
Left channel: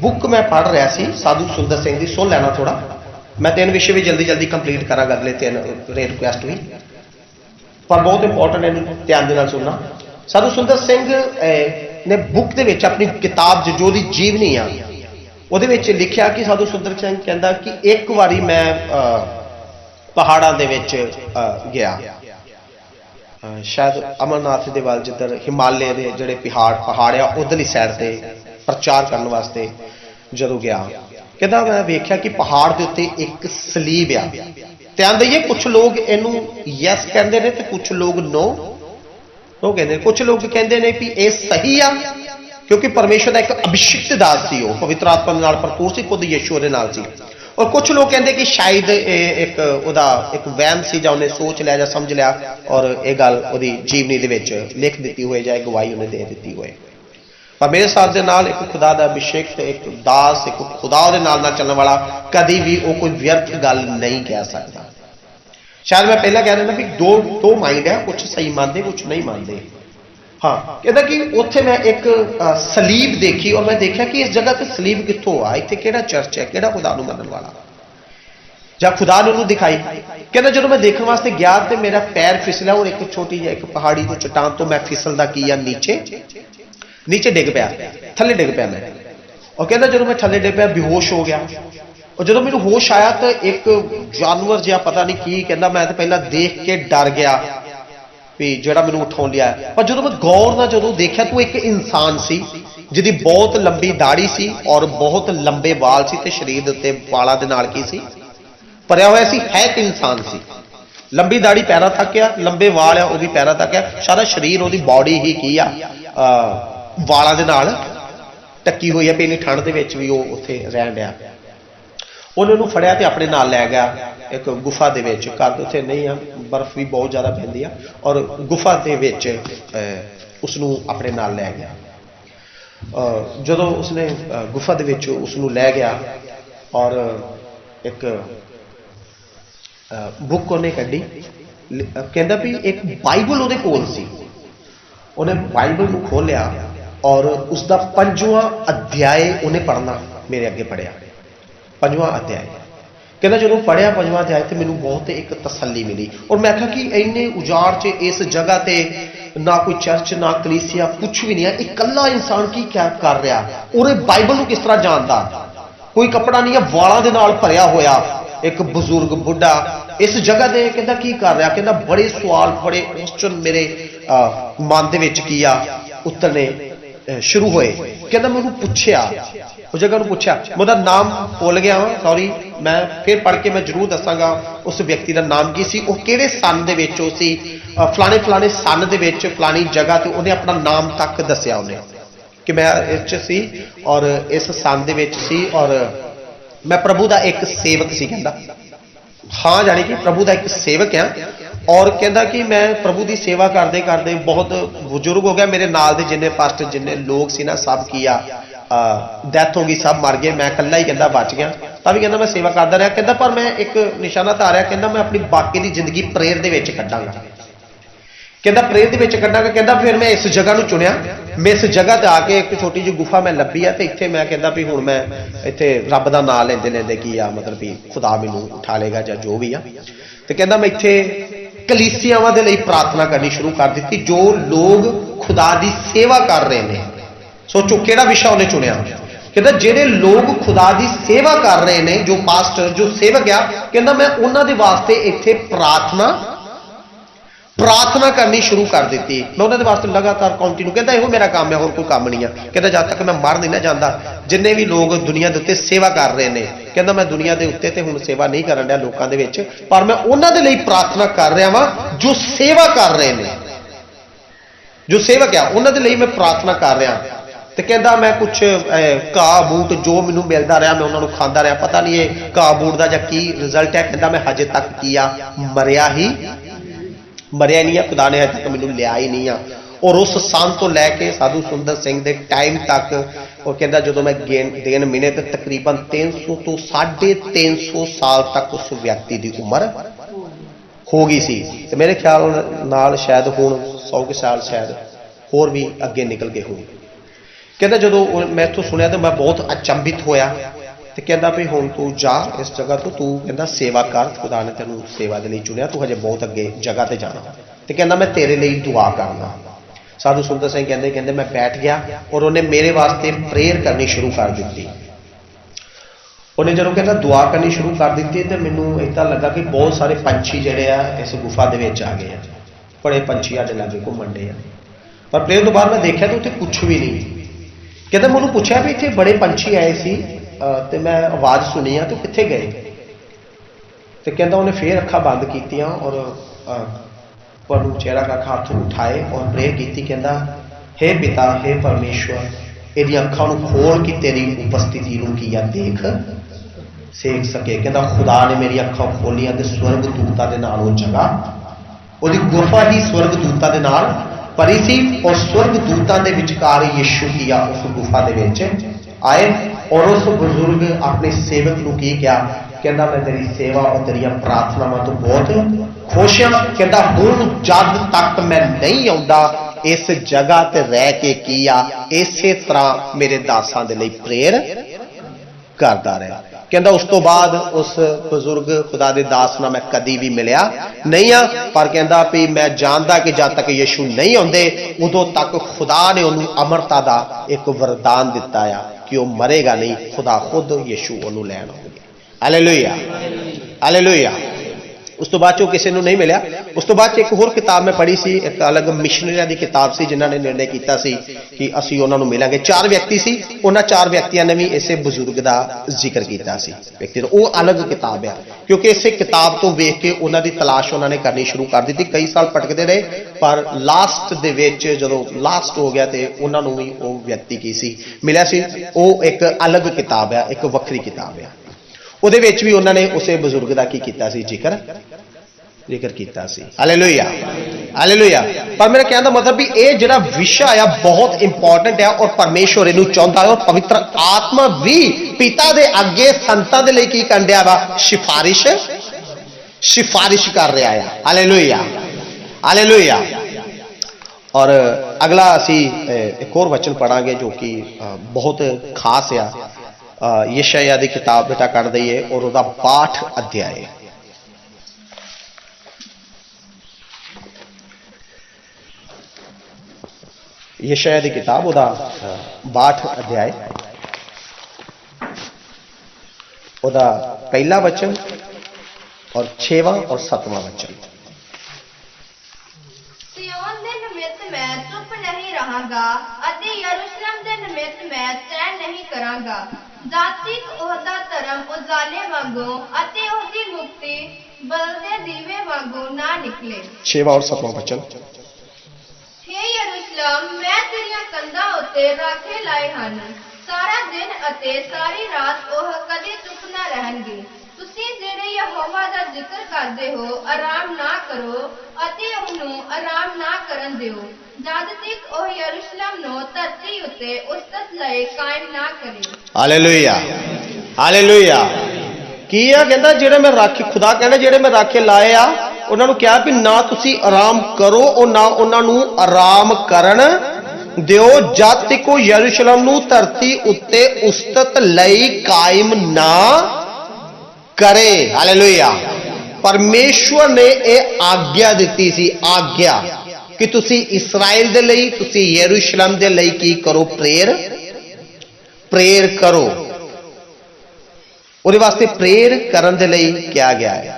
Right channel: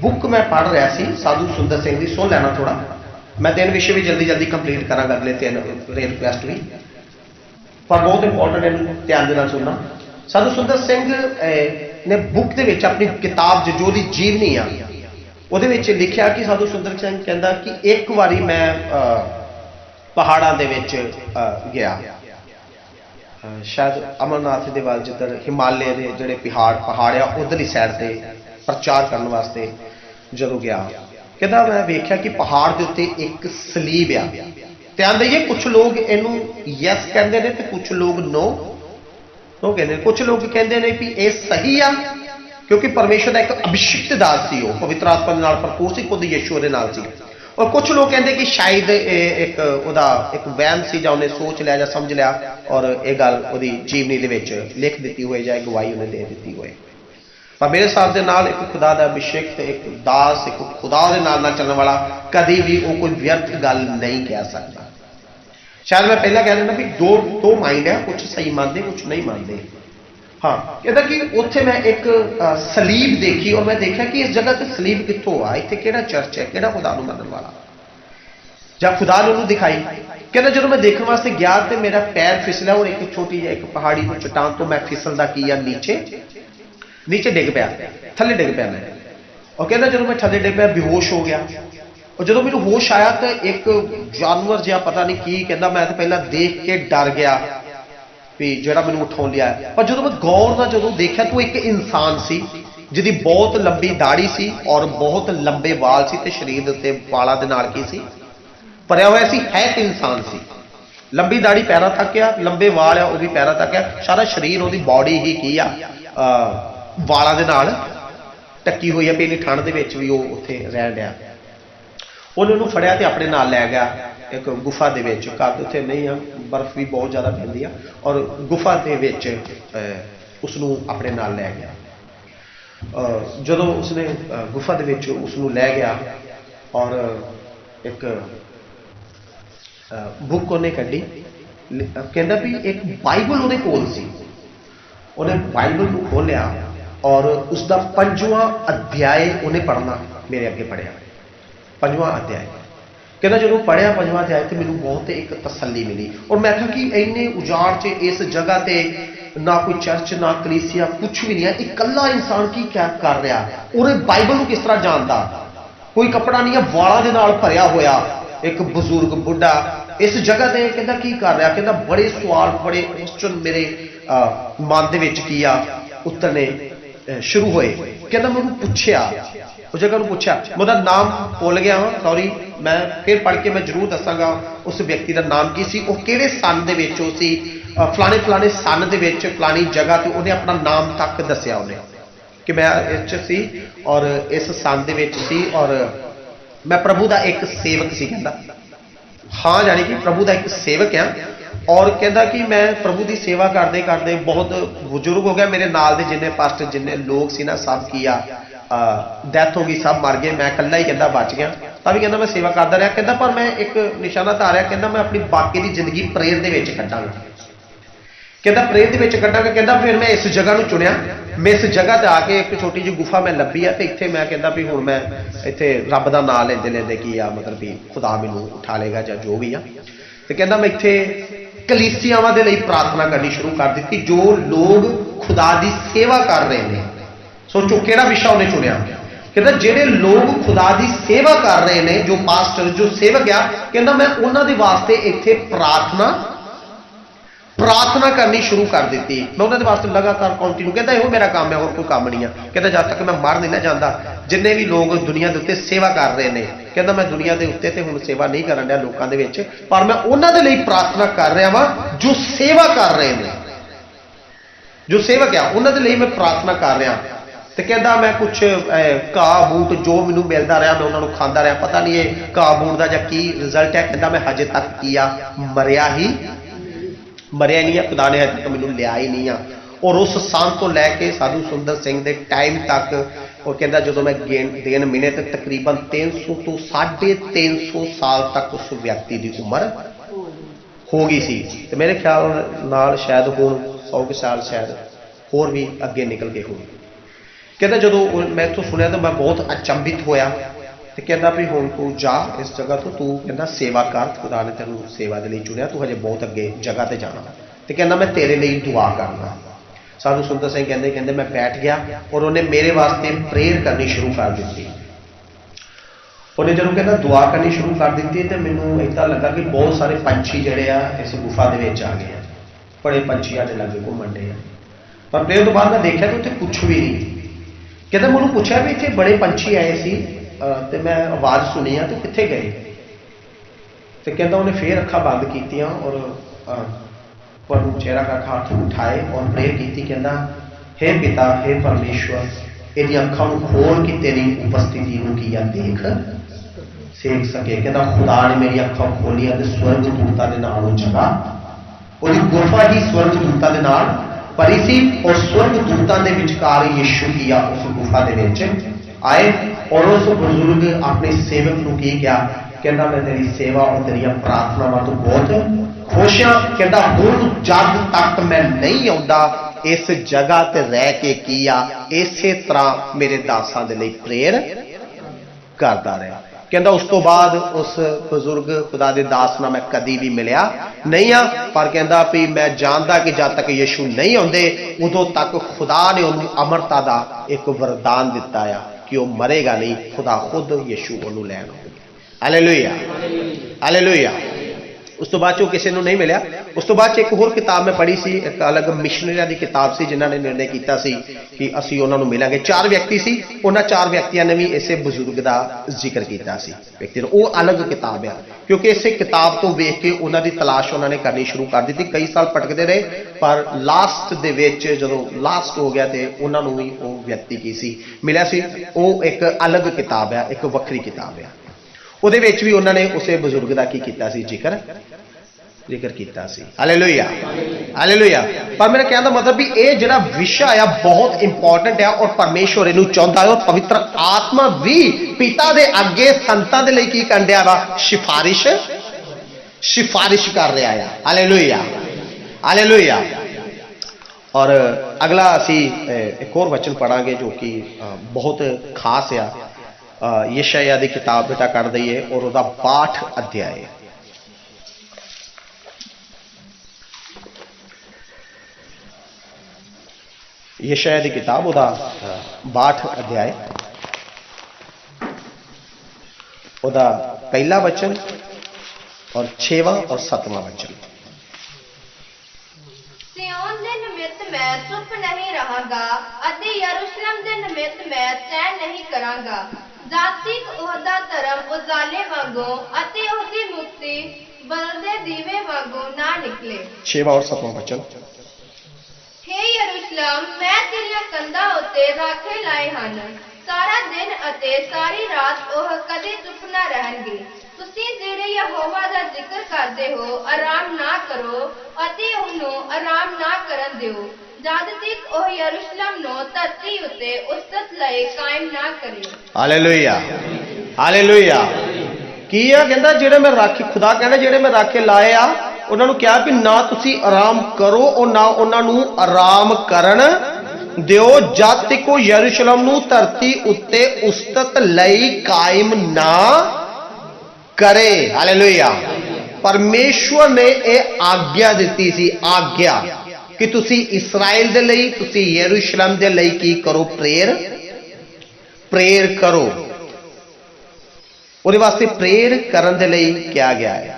बुक मैं पढ़ रहा सी साधु सुंदर सिंह की, सुन लेना थोड़ा। मैं 3 विषय भी जल्दी जल्दी कंप्लीट करांगा, अगले 3 रिक्वेस्ट भी, पर बहुत इंपॉर्टेंट है, ध्यान देना सुनना। साधु सुंदर सिंह ने बुक दे विच अपनी किताब जो दी जीवनी आ ਉਹਦੇ ਵਿੱਚ ਲਿਖਿਆ कि साधु सुंदर सिंह कहता कि एक बारी मैं पहाड़ों के गया, शायद अमरनाथ के वाल जिधर हिमालय के जोड़े पहाड़ आ उधरली सैड से प्रचार करने वास्ते जो गया, कहता मैं वेख्या कि पहाड़ के उत्ते एक सलीब आ। ध्यान दईए, कुछ लोग इनू यस कहते हैं तो कुछ लोग नो कहते। कुछ लोग कहते हैं भी ये सही आ क्योंकि परमेश्वर का एक अभिषिक्त दास सी, पवित्र आत्मा नाल भरपूर सी, खुद यीशु दे नाल सी। और कुछ लोग कहते कि शायद एक उहदा एक वहम सी, जां उन्हें सोच लिया जां समझ लिया और यह गल उहदी जीवनी दे विच लिख दी हुई जाए गवाही उन्हें दे दी हुई। पर मेरे हिसाब के नाल एक खुदा का अभिषेक, एक दास, एक खुदा दे नाल चलने वाला कभी भी वो कोई व्यर्थ गल नहीं कह सकता। शायद मैं पहले कह रहा भी दो माइंड है, कुछ सही मानते कुछ नहीं मानते। हाँ, कहता कि उत्थे मैं एक सलीब देखी और मैं देखा कि इस जगह से सलीब कितों आ, इत्थे केड़ा चर्च है, केड़ा खुदा नूं मनण वाला, जां खुदा ने उन्होंने दिखाई। कहता जो मैं देखने वास्ते गया तो मेरा पैर फिसला और एक छोटी जी एक पहाड़ी तो चट्टान तो मैं फिसलदा की नीचे डिग पाया, थले डिग पाया मैं। और कहता जो मैं थले डिग पाया बेहोश हो गया। और जो मेरे होश आया तो एक जानवर जिहा पता नहीं की कहता, मैं तो पहला देख के डर गया भी जोड़ा मैंने उठाउण लिया। पर जो मैं गौर नाल जो देखा तो एक इंसान सी जिहदी बहुत लंबी दाढ़ी सी और बहुत लंबे वाल सी ते शरीर दे उत्ते वालां दे नाल की सी भरिया होया सी, है तो इंसान सी। लंबी दाढ़ी पैरों तक आ, लंबे वाल आ, वो भी पैरों तक आ, सारा शरीर वो बॉडी ही की आ वालों के नाल ढकी हुई है भी इन्नी ठंड के भी वो उत्थे रहन दिया। उन्होंने फड़िया तो अपने नाल लै गया एक गुफा के कद उत्थे नहीं है, बर्फ भी बहुत ज़्यादा पैंदी है, और गुफा के उसनू अपने नाल लै गया। जदों उसने गुफा के उसनू लै गया और एक बुक उन्हें कढ़ी, कहता भी एक बाइबल उहदे कोल सी, उन्हें बाइबल को खोलिया और उसका 5वां अध्याय उन्हें पढ़ना मेरे अगे पढ़िया। 5वां अध्याय कहना जो पढ़िया 5वां अध्याय तो मैंने बहुत एक तसल्ली मिली, और मैं कहा कि इन्ने उजाड़ च इस जगह ते ना कोई चर्च ना कलीसिया कुछ भी नहीं है, इकल्ला इंसान की क्या कर रहा, और बाइबल को किस तरह जानता, कोई कपड़ा नहीं है, वालों के नाल भरिया होया एक बजुर्ग बुढ़ा इस जगह से कहता की कर रहा, कहता बड़े सवाल बड़े क्वेश्चन मेरे मन के की आ उतरने शुरू होए। कहता मैं पूछया उस जगह पूछा, मैं नाम भुल गया हाँ, सॉरी, मैं फिर पढ़ के मैं जरूर दसांगा उस व्यक्ति का नाम की सी, वो किहड़े सन दे विच वो सी, फलाने फलाने सन दे विच फलानी जगह ते उन्हें अपना नाम तक दसिया उन्हें कि मैं इस सी और इस सन दे विच सी और मैं प्रभु का एक सेवक सी। कहता हाँ, यानी कि प्रभु का एक सेवक है, और कहता कि मैं प्रभु की सेवा करते करते बहुत बुजुर्ग हो गया, मेरे नाल दे जिन्ने पास्टर जिन्ने लोग सी ना सब की डेथ हो गई, सब मर गए, मैं कल्ला ही कहता बच गया। तभी कहता मैं सेवा करता रहा, कहता पर मैं एक निशाना धारिया, कहता मैं अपनी बाकी की जिंदगी प्रेयर के कटांगा, कहता प्रेयर के कटांगा। कहता फिर मैं इस जगह को चुनिया, मैं इस जगह पर आके एक छोटी जी गुफा मैं लभी है, तो इतने मैं कहता भी हूँ मैं इतने रब का नाम लेंदे लेंदे की आ मतलब भी खुदा मैनू उठा लेगा या जो भी आ, तो कहता मैं इतने कलीसियावां दे लई प्रार्थना करनी शुरू कर दी, जो लोग खुदा की सेवा कर रहे हैं। सोचो केड़ा विषय उन्हें चुनिया, कहता जेडे लोग खुदा की सेवा कर रहे हैं, जो पास्टर जो सेवक आ, कहता मैं उन्होंने वास्ते इत्थे प्रार्थना करनी शुरू कर दी, मैं उन्होंने वास्ते लगातार कंटिन्यू, कहता यो मेरा काम है, और कोई काम नहीं है। कहता जब तक मैं मर नहीं ना जाता, जिन्ने भी लोग दुनिया के उत्ते सेवा कर रहे हैं, कहता मैं दुनिया के उत्ते हुण सेवा नहीं करन दिया लोगों के विच, पर मैं उन्होंने लिए प्रार्थना कर रहा वहाँ जो सेवा कर रहे हैं, जो सेवक है उन्होंने लिए मैं प्रार्थना कर रहा। तो कहता मैं कुछ घाह बूट जो मैनू मिलता रहा मैं उन्होंने खाता रहा, पता नहीं है घाह बूट का की रिजल्ट है, कहता मैं हजे तक किया मरिया नहीं है, खुदा ने अजे तक मैनू लिया ही नहीं है। और उस सन तो लैके साधु सुंदर सिंह के टाइम तक, और कहता जो मैं देन मिने तो तकरीबन 300 तो 350 साल तक उस व्यक्ति की उम्र हो गई सी, तो मेरे ख्याल नाल शायद हुण 100 के साल शायद होर भी अगे निकल के होगी। कहता जो मैं इतों सुनिया तो मैं बहुत अचंभित होया, तो कहता भी हुण तू जा इस जगह तो तू कहता सेवा कर, खुदा ने तेनू सेवा के लिए चुनिया, तू हजे बहुत अगे जगह पर जाना, तो कहता मैं तेरे लिए दुआ करना। साधु सुंदर सिंह कहते मैं बैठ गया और उन्हें मेरे वास्ते प्रेयर करनी शुरू कर दी। उन्हें जो कहता दुआ करनी शुरू कर दी तो मैनू इदा लगा कि बहुत सारे पंछी जोड़े आ इस गुफा के आ गए हैं, बड़े पंछी आने लगे घूमन डे, पर प्रेयर तो बाद मैं देखा तो उत्थे कुछ भी नहीं। कहता मैं पूछा भी इतने बड़े पंछी आए सी तो मैं आवाज़ सुनी है तो कित्थे गए, तो कहता उन्हें फिर अखा बंद की और प्रभु चेहरा का हाथ उठाए और प्रेयर की, कहता हे पिता हे परमेश्वर, यदि अखा खोल के तेरी उपस्थिति की देख सेक सके। कहता खुदा ने मेरी अखा खोलिया तो स्वर्ग दूतां दे नाल वो जगह वो गुफा ही स्वर्ग दूतां दे नाल भरी सी, और स्वर्ग दूतां दे विचकार यीशु किया उस गुफा दे विच आए, और उस बुजुर्ग अपने सेवक को की क्या, कहता मैं तेरी सेवा और तेरिया प्रार्थनावां तो बहुत खुश हाँ, कहता हुण जब तक मैं नहीं आउंदा इस जगह ते रह के किया इसे तरह मेरे दासां दे लई प्रेयर करता रहा। कहता उस तो बाद उस बुजुर्ग खुदा दे दास नाल मैं कदी भी मिलिया नहीं आ, पर कहता भी मैं जानता कि जब तक यीशु नहीं आउंदे उदों तक खुदा ने उन्होंने अमरता का एक वरदान दिता है कि वह मरेगा नहीं, खुदा खुद यीशु उन्होंने लैन आउणगे। Hallelujah hallelujah. उस तो बाद किसी को नहीं मिला। उस तो बाद एक होर किताब मैं पढ़ी सी, एक अलग मिशनरियां की किताब सी जिन्होंने निर्णय किया कि असीं उन्हां नूं मिलांगे। 4 व्यक्ति सी, उन्हां 4 व्यक्तियों ने भी इसे बजुर्ग का जिक्र किया सी व्यक्ति वो अलग किताब है, क्योंकि इसे किताब तो वेख के उन्हां दी तलाश उन्होंने करनी शुरू कर दी। कई साल भटकते रहे, पर लास्ट दे विच जदों लास्ट हो गया तो उन्होंने भी वो व्यक्ति की सी मिला सी। वो एक अलग किताब है, एक वक्री किताब है। ਉਹਦੇ ਵਿੱਚ भी उन्होंने उस बजुर्ग का की किया सी जिक्र किया सी। Hallelujah hallelujah. पर मेरे कहने का मतलब भी ये जिहड़ा विषय है बहुत इंपॉर्टेंट है और परमेश्वर इहनूं चाहुंदा है और पवित्र आत्मा भी पिता दे अगे संतां दे लई की करन दिया वा, सिफारिश कर रहा है। Hallelujah hallelujah. और अगला असी एक और वचन पढ़ांगे जो कि बहुत खास है। यशायाह की किताब बेटा कर दईए और उसका 62 अध्याय। यशायाह की किताब उसका 62 अध्याय, उसका पहला वचन और 6वां और 7वां वचन। सिय्योन दे निमित्त मैं चुप नहीं रहांगा अते यरूशलेम दे निमित्त मैं चैन नहीं करांगा। जातिक ओहदा धर्म उजाले वांगू अते ओहदी मुक्ति बलदे दीवे वांगू ना निकले। 6वां और 7वां वचन। हे यरूशलेम मैं तेरियां कंधां उत्ते राखे लाए हन, सारा दिन अते सारी रात ओह कदे चुप ना रहणगे। ਤੁਸੀਂ ਜਿਹੜੇ ਯਹੋਵਾ ਦਾ ਜ਼ਿਕਰ ਕਰਦੇ ਹੋ ਆਰਾਮ ਨਾ ਕਰੋ ਅਤੇ ਉਹਨੂੰ ਆਰਾਮ ਨਾ ਕਰਨ ਦਿਓ ਜਦ ਤੱਕ ਉਹ ਯਰੂਸ਼ਲਮ ਨੂੰ ਧਰਤੀ ਉੱਤੇ ਉਸਤਤ ਲਈ ਕਾਇਮ ਨਾ ਕਰੇ। Hallelujah hallelujah. ਕੀ ਆ ਕਹਿੰਦਾ ਜਿਹੜੇ ਮੈਂ ਰਾਖੇ, ਖੁਦਾ ਕਹਿੰਦਾ ਜਿਹੜੇ ਮੈਂ ਰਾਖੇ ਲਾਏ ਆ ਉਹਨਾਂ ਨੂੰ ਕਿਹਾ ਵੀ ਨਾ ਤੁਸੀਂ ਆਰਾਮ ਕਰੋ ਔਰ ਨਾ ਉਹਨਾਂ ਨੂੰ ਆਰਾਮ ਕਰਨ ਦਿਓ ਜਦ ਤੱਕ ਉਹ ਯਰੂਸ਼ਲਮ ਨੂੰ ਧਰਤੀ ਉੱਤੇ ਉਸਤਤ ਲਈ ਕਾਇਮ ਨਾ करे। हालेलुया। परमेश्वर ने यह आज्ञा दी सी, आज्ञा कि तुसी इस्राएल दे लई, तुसी यरूशलेम दे लई की करो, प्रेयर करो। उहदे वास्ते प्रेयर करन दे लई क्या गया है,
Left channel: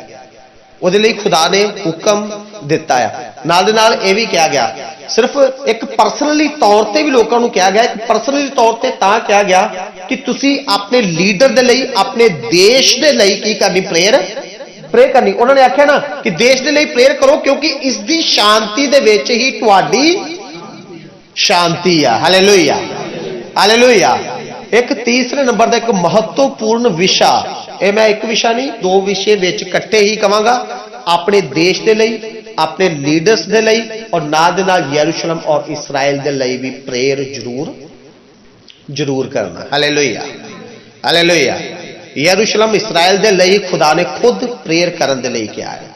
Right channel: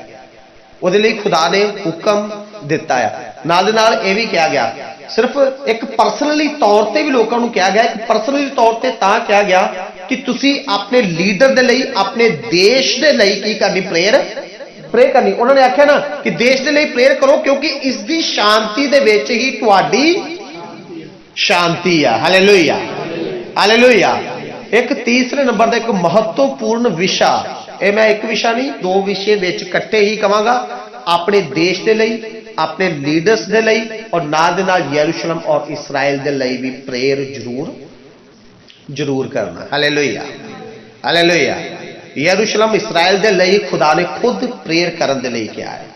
उहदे लई खुदा ने हुक्म दिता है। नाल दे नाल यह भी कहा गया, सिर्फ एक परसनली तौर पर भी लोगों को कहा गया, एक परसनली तौर पर तां कहा गया कि तुसी अपने लीडर दे लई, अपने देश दे लई की करनी, प्रेयर करनी। उन्होंने आख्या ना कि देश दे लई प्रेयर करो क्योंकि इसकी शांति दे विच ही तुहाडी शांति है। Hallelujah hallelujah. एक तीसरे नंबर का एक महत्वपूर्ण विषय, ये मैं एक विषय नहीं 2 विषय विच इकट्ठे ही कहांगा, अपने देश दे लई, अपने लीडर्स दे लई और नाल दे नाल यरूशलेम और इस्राएल दे लई भी प्रेयर जरूर करना। Hallelujah hallelujah. यरूशलेम इस्राएल दे लई खुदा ने खुद प्रेयर करन दे लई किया है।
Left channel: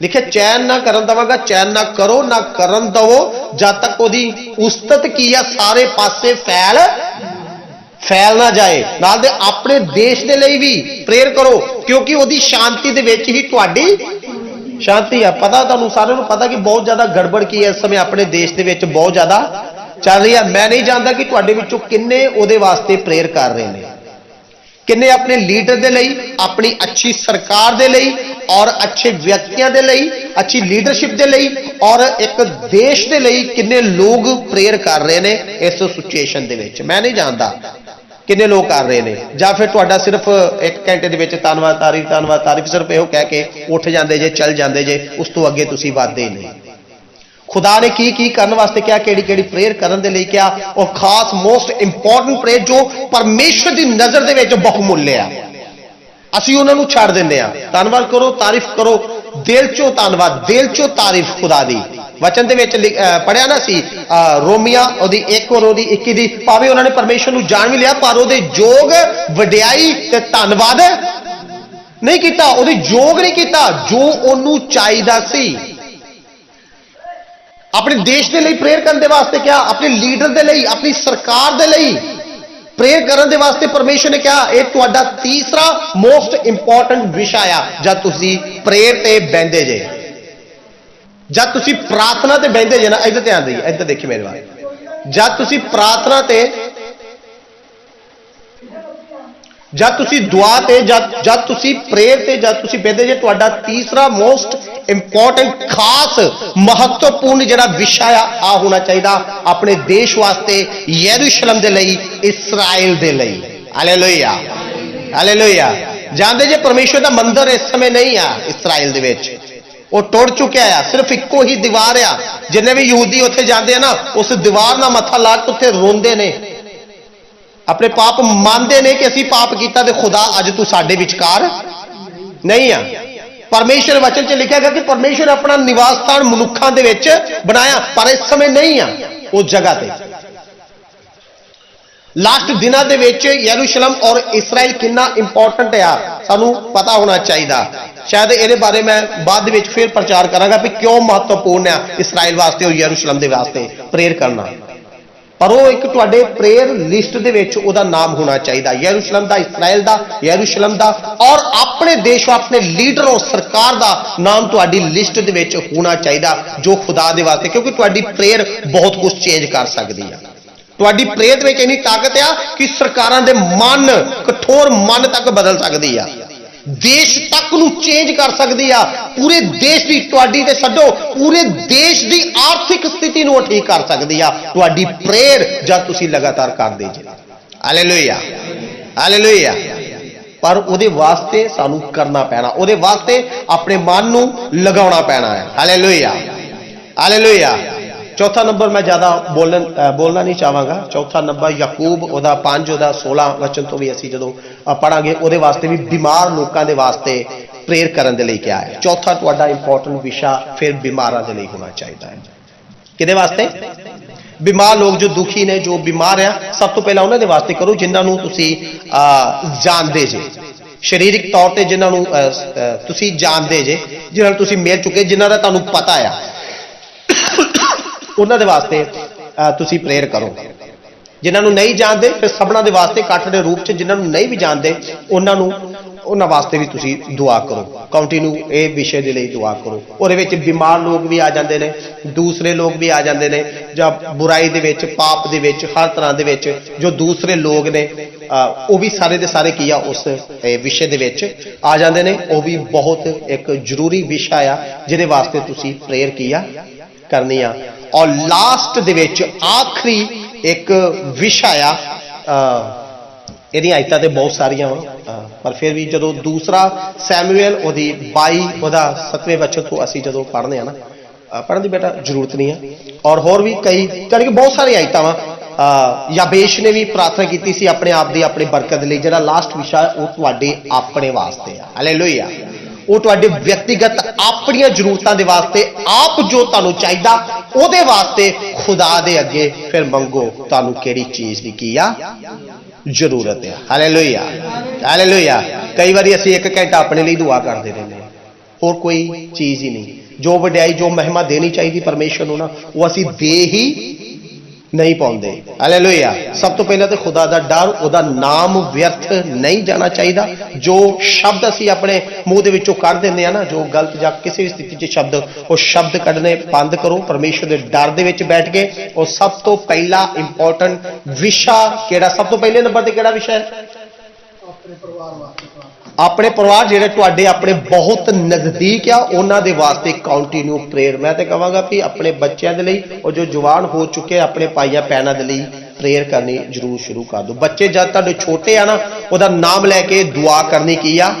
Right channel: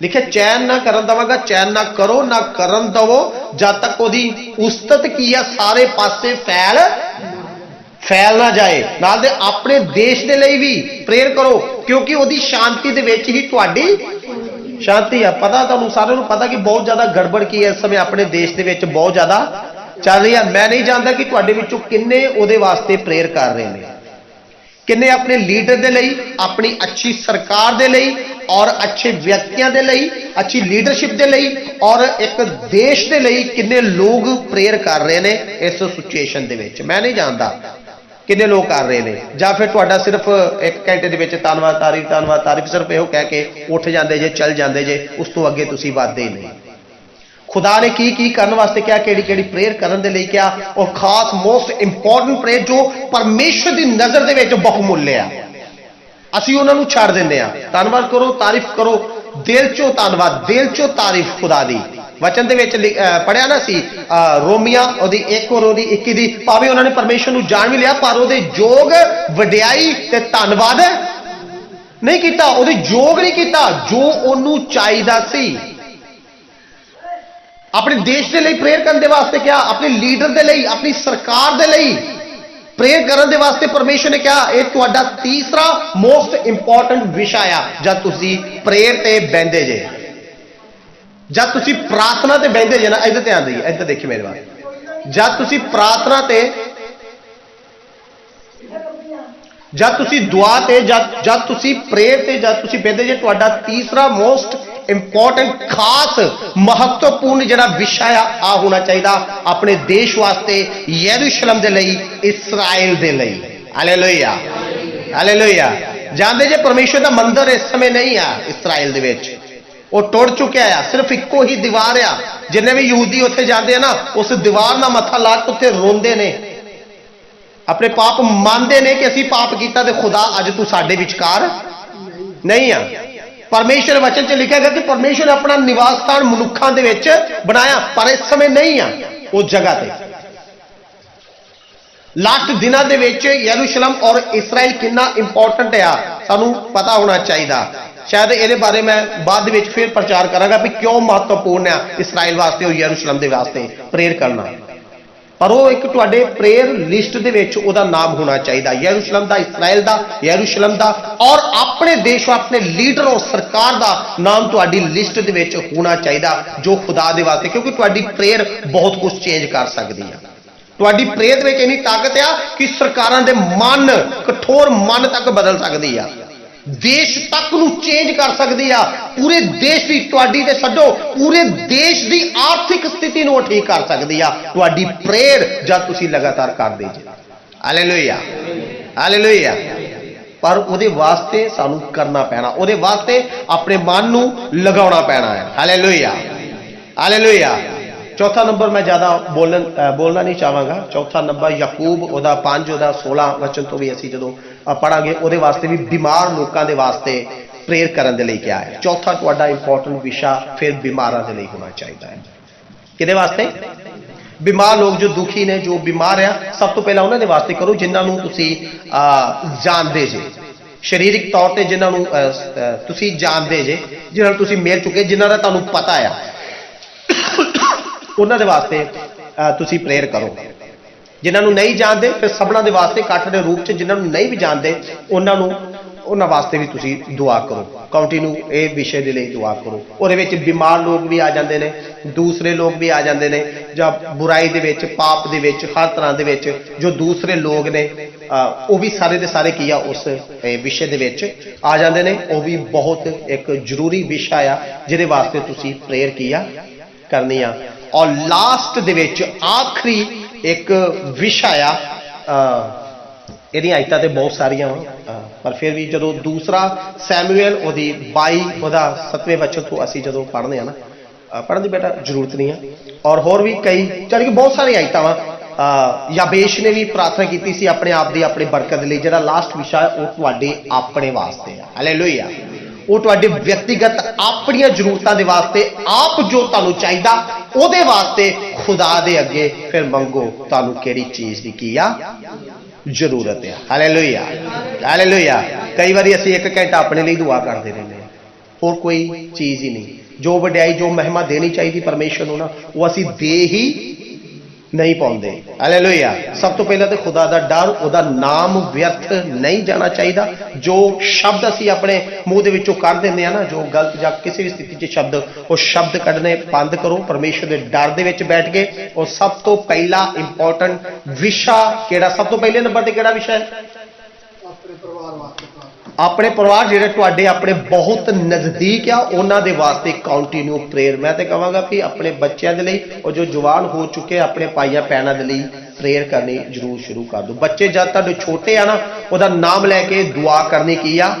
लिखे चैन ना करन दवांगा, चैन ना करो ना करन दवो जब तक ओदी उस्तत की है सारे पासे फैल ना जाए। नाल दे अपने देश दे लई भी प्रेयर करो क्योंकि ओदी शांति दे विच ही तुहाडी शांति है। पता तुहानू सारिआं नूं पता कि बहुत ज्यादा गड़बड़ की है इस समय अपने देश दे विच बहुत ज्यादा चल रही है। मैं नहीं जानता कि तुहाडे विचों किन्ने उहदे वास्ते प्रेयर कर रहे हैं, किन्ने अपने लीडर दे लई, अपनी अच्छी सरकार दे लई और अच्छे व्यक्तियों दे लई, अच्छी लीडरशिप दे लई और एक देश दे लई किन्ने लोग प्रेयर कर रहे हैं इस सिचुएशन दे विच। मैं नहीं जानता किन्ने लोग कर रहे हैं, या फिर तुहाडा सिर्फ 1 घंटे दे विच धन्नवाद तारीफ सिर्फ इहो कह के उठ जाते जे, चल जाते जे, उस तो अगे तुसीं वधदे नहीं। खुदा ने की करने वास्ते क्या, केड़ी प्रेयर करने दे लई क्या, और खास मोस्ट इंपॉर्टेंट प्रेयर जो परमेश्वर की नज़र दे विच बहुमुल्य है, असीं उन्हां नूं छड्ड दिंदे आ। धन्नवाद करो, तारीफ करो, दिल चों धन्नवाद, दिल चों तारीफ खुदा दी। वचन दे विच पढ़िया ना सी रोमिया ओदी 1 और ओदी 21 दी, भावें उन्होंने परमेश्वर नूं जान भी लिया पर ओदे जोग वडियाई ते धन्नवाद नहीं कीता, ओदे जोग नहीं कीता जो ओनू चाहीदा सी। अपने देश के लिए प्रेयर करने वास्ते क्या, अपने लीडर के लिए, अपनी सरकार के लिए प्रेयर करने वास्ते परमेश्वर ने क्या, ये तुहाडा तीसरा मोस्ट इंपॉर्टेंट विषय है। जब तुसी प्रेयर ते बहंदे जे, जब तुसी प्रार्थना ते बहंदे जे ना, इधर ध्यान दईए, इधर देखिए मेरे बारे, जब तुसी प्रार्थना ते जब तुसी दुआ ते जब तुसी प्रेयर ते जब तुसी बेदे जे तुहाडा तीसरा मोस्ट इंपॉर्टेंट खास महत्वपूर्ण जिहड़ा विषय आ होना चाहिए अपने देश वास्ते, यरूशलेम दे लई, इस्राएल दे लई। Hallelujah hallelujah. जानते जे परमेश्वर का मंदिर इस समय नहीं आ इस्राएल दे विच, वो टुट चुका है। सिर्फ इक्को ही दीवार आ। जिन्ने भी यहूदी उत्थे जाते हैं ना, उस दीवार ना मत्था ला के उत्थे रोंदे ने, अपने पाप मानते ने कि असी पाप किया तो खुदा अज तू साडे विचकार नहीं आ। परमेश्वर वचन च लिखा गया कि परमेश्वर अपना निवास स्थान मनुखों दे विच बनाया, पर इस समय नहीं आ उस जगह ते। लास्ट दिनों के विच यरूशलेम और इसराइल कितना इंपॉर्टेंट आ सानू पता होना चाहिए। शायद ये बारे मैं बाद में फिर प्रचार करांगा भी क्यों महत्वपूर्ण है इसराइल वास्ते और यरूशलेम के वास्ते प्रेयर करना। पर वो एक तुहाडे प्रेयर लिस्ट दे विच उहदा नाम होना चाहिए, यरूशलेम दा, इसराइल दा, यरूशलेम दा, और अपने देश अपने लीडर और सरकार दा नाम तुहाडी लिस्ट दे विच होना चाहिए जो खुदा दे वास्ते, क्योंकि तुहाडी प्रेयर बहुत कुछ चेंज कर सकती है। तुहाडी प्रेयर में इन्नी ताकत आ कि सरकारां दे मन, कठोर मन तक बदल सकती है, देश तक नू चेंज कर सकती है। पूरे देश की तुहाडी ते छड्डो, पूरे देश की आर्थिक स्थिति नू ठीक कर सकती है तुहाडी प्रेयर जब तुसी लगातार करदे जे। Hallelujah hallelujah. पर उहदे वास्ते सानू करना पैना, उहदे वास्ते अपने मन नू लगाउणा पैना है। Hallelujah hallelujah. चौथा नंबर मैं ज़्यादा बोलना नहीं चाहांगा। चौथा नंबर याकूब उहदा 5 उहदा 16 वचन तो भी असी जो पढ़ांगे उहदे वास्ते भी बीमार लोगों के वास्ते प्रेयर करने के लिए क्या है। चौथा तुहाडा इंपॉर्टेंट विषय फिर बीमारां दे लई होना चाहिए है। किहदे वास्ते? बीमार लोग जो दुखी ने, जो बीमार है, सब तो पहला उन्होंने वास्ते करो जिन्होंने तुसी जानते जे, शरीरिक तौर पर जिन्होंने तुसी जानते जे, जिन्होंने तुसी मिल चुके, जिन्हों का तुहानूं पता है, उन्होंने वास्ते तुसी प्रेयर करो। जिन्होंने नहीं जानते फिर सबना दे वास्ते कट्ठ के रूप से, जिन्होंने नहीं भी जानते उन्होंने वास्ते भी तुसी दुआ करो। कंटिन्यू ये विषय के लिए दुआ करो। और बीमार लोग भी आ जाते हैं, दूसरे लोग भी आ जाते हैं, जब बुराई दे विच, पाप दे विच, हर तरह दे विच जो दूसरे लोग ने वो भी सारे दे सारे किया उस विषय दे विच आ जाते हैं। वो भी बहुत एक जरूरी विषय आ जिहदे वास्ते तुसी प्रेयर किया करनी आ। और लास्ट दे विच आखिरी एक विषय ये आयतां तो बहुत सारिया पर फिर भी जो दूसरा सैमुएल ओदी 22 ओदा 7वें वचन तो असी जो पढ़ने हैं ना, पढ़ने की बेटा जरूरत नहीं है। और होर भी कई जानी कि बहुत सारी आयतां वा याबेश ने भी प्रार्थना की सी अपने आप की अपनी बरकत लिए। जिहड़ा लास्ट विषय वो तुहाडे अपने वास्ते है। हालेलुया। वो तुहाडे व्यक्तिगत अपनी जरूरतों के वास्ते आप जो तुहानूं चाहिदा उहदे वास्ते खुदा दे अगे फिर मंगो तुहानूं किहड़ी चीज़ की आ जरूरत है। Hallelujah hallelujah. कई बार असीं 1 घंटा अपने लिए दुआ करते रहते हैं, होर कोई चीज़ ही नहीं। जो वड्याई जो महिमा देनी चाहिए परमेश्वर नूं ना वो असीं दे ही नहीं पाते। हालेलुया। सब तो पहले तो खुदा का डर, उहदा नाम व्यर्थ नहीं जाना चाहिए। जो शब्द असी अपने मूँह दे विचों कढ़ देंदे आ ना, जो गलत या किसी भी स्थिति च शब्द, वो शब्द कढ़ने बंद करो। परमेश्वर के डर दे विच बैठ के। और सब तो पहला इंपॉर्टेंट विषय किहड़ा, सब तो पहले नंबर ते किहड़ा विषय है? अपने परिवार जिहड़े तुहाडे अपने बहुत नज़दीक आ उन्हां दे वास्ते कंटिन्यू प्रेयर। मैं तो कहांगा कि अपने बच्चों के लिए और जो जवान हो चुके अपने भाइयों भैनों के लिए प्रेयर करनी जरूर शुरू कर दो। बच्चे जब तुहाडे छोटे आ ना उहदा नाम लैके दुआ करनी की आ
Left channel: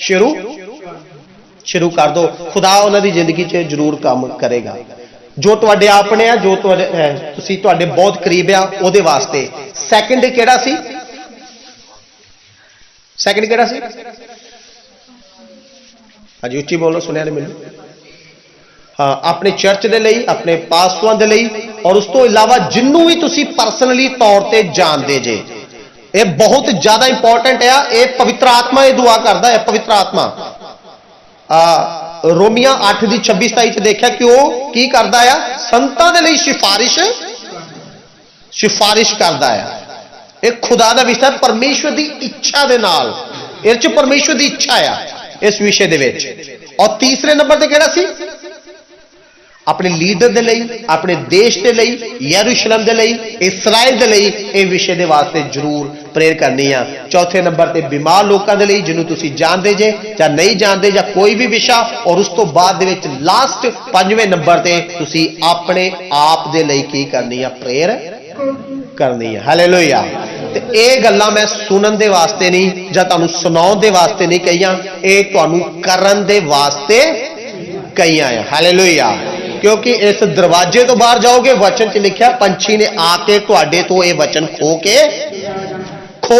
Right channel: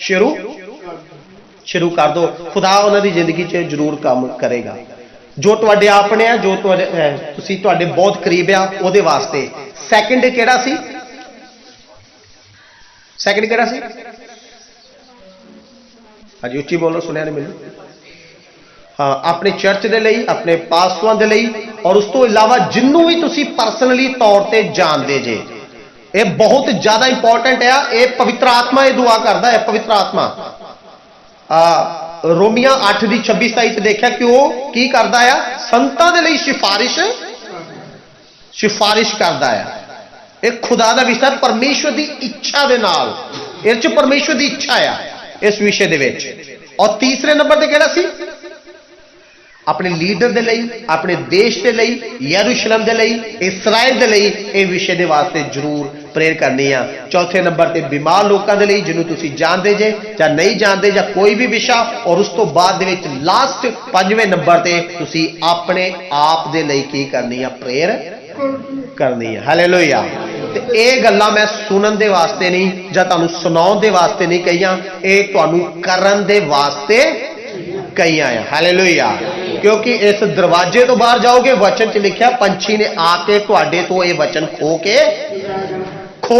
शुरू कर दो। खुदा उन्हां दी जिंदगी च जरूर काम करेगा। जो तुहाडे अपने आ, जो तुसीं तुहाडे बहुत करीब आ उहदे वास्ते। सैकेंड किहड़ा सी? सैकेंड किहड़ा सी? अजी उच्ची बोलो, सुनिया नहीं मैनूं। हाँ, अपने चर्च के लिए, अपने पास्टरां के लिए, और उस तो इलावा जिन्हों भी तुसीं परसनली तौर पर जानते जे, ये बहुत ज्यादा इंपॉर्टेंट है। ये पवित्र आत्मा ये दुआ करता है। पवित्र आत्मा रोमिया 8:26-27 देखा कि वो की करता है? संतां दे लई सिफारिश करता है। एक खुदा का विषय, परमेश्वर की इच्छा के नाल, इस परमेश्वर की इच्छा है इस विषय दे विच। और तीसरे नंबर ते किहड़ा सी? अपने लीडर दे लई, अपने देश दे लई, यरूशलेम दे लई, इस्राइल दे लई इस विषय दे वास्ते जरूर प्रेयर करनी आ। चौथे नंबर ते बीमार लोकां दे लई, जिन्हों तुसीं जानदे जे जां नहीं जानदे जां कोई भी विषय। और उस तो बाद दे विच लास्ट 5वें नंबर ते तुसीं अपने आप दे लई की करनी आ, प्रेयर करनी है। हालेलुया। ते ये गल्लां मैं सुनन दे वास्ते नहीं जां तुहानूं सुनाउण दे वास्ते नहीं कहियां, ये तुहानूं करन दे वास्ते कहियां है। हालेलुया। क्योंकि इस दरवाजे तो बाहर जाओगे, वचन च लिखा पंछी ने आके तुहाडे तो ये वचन खो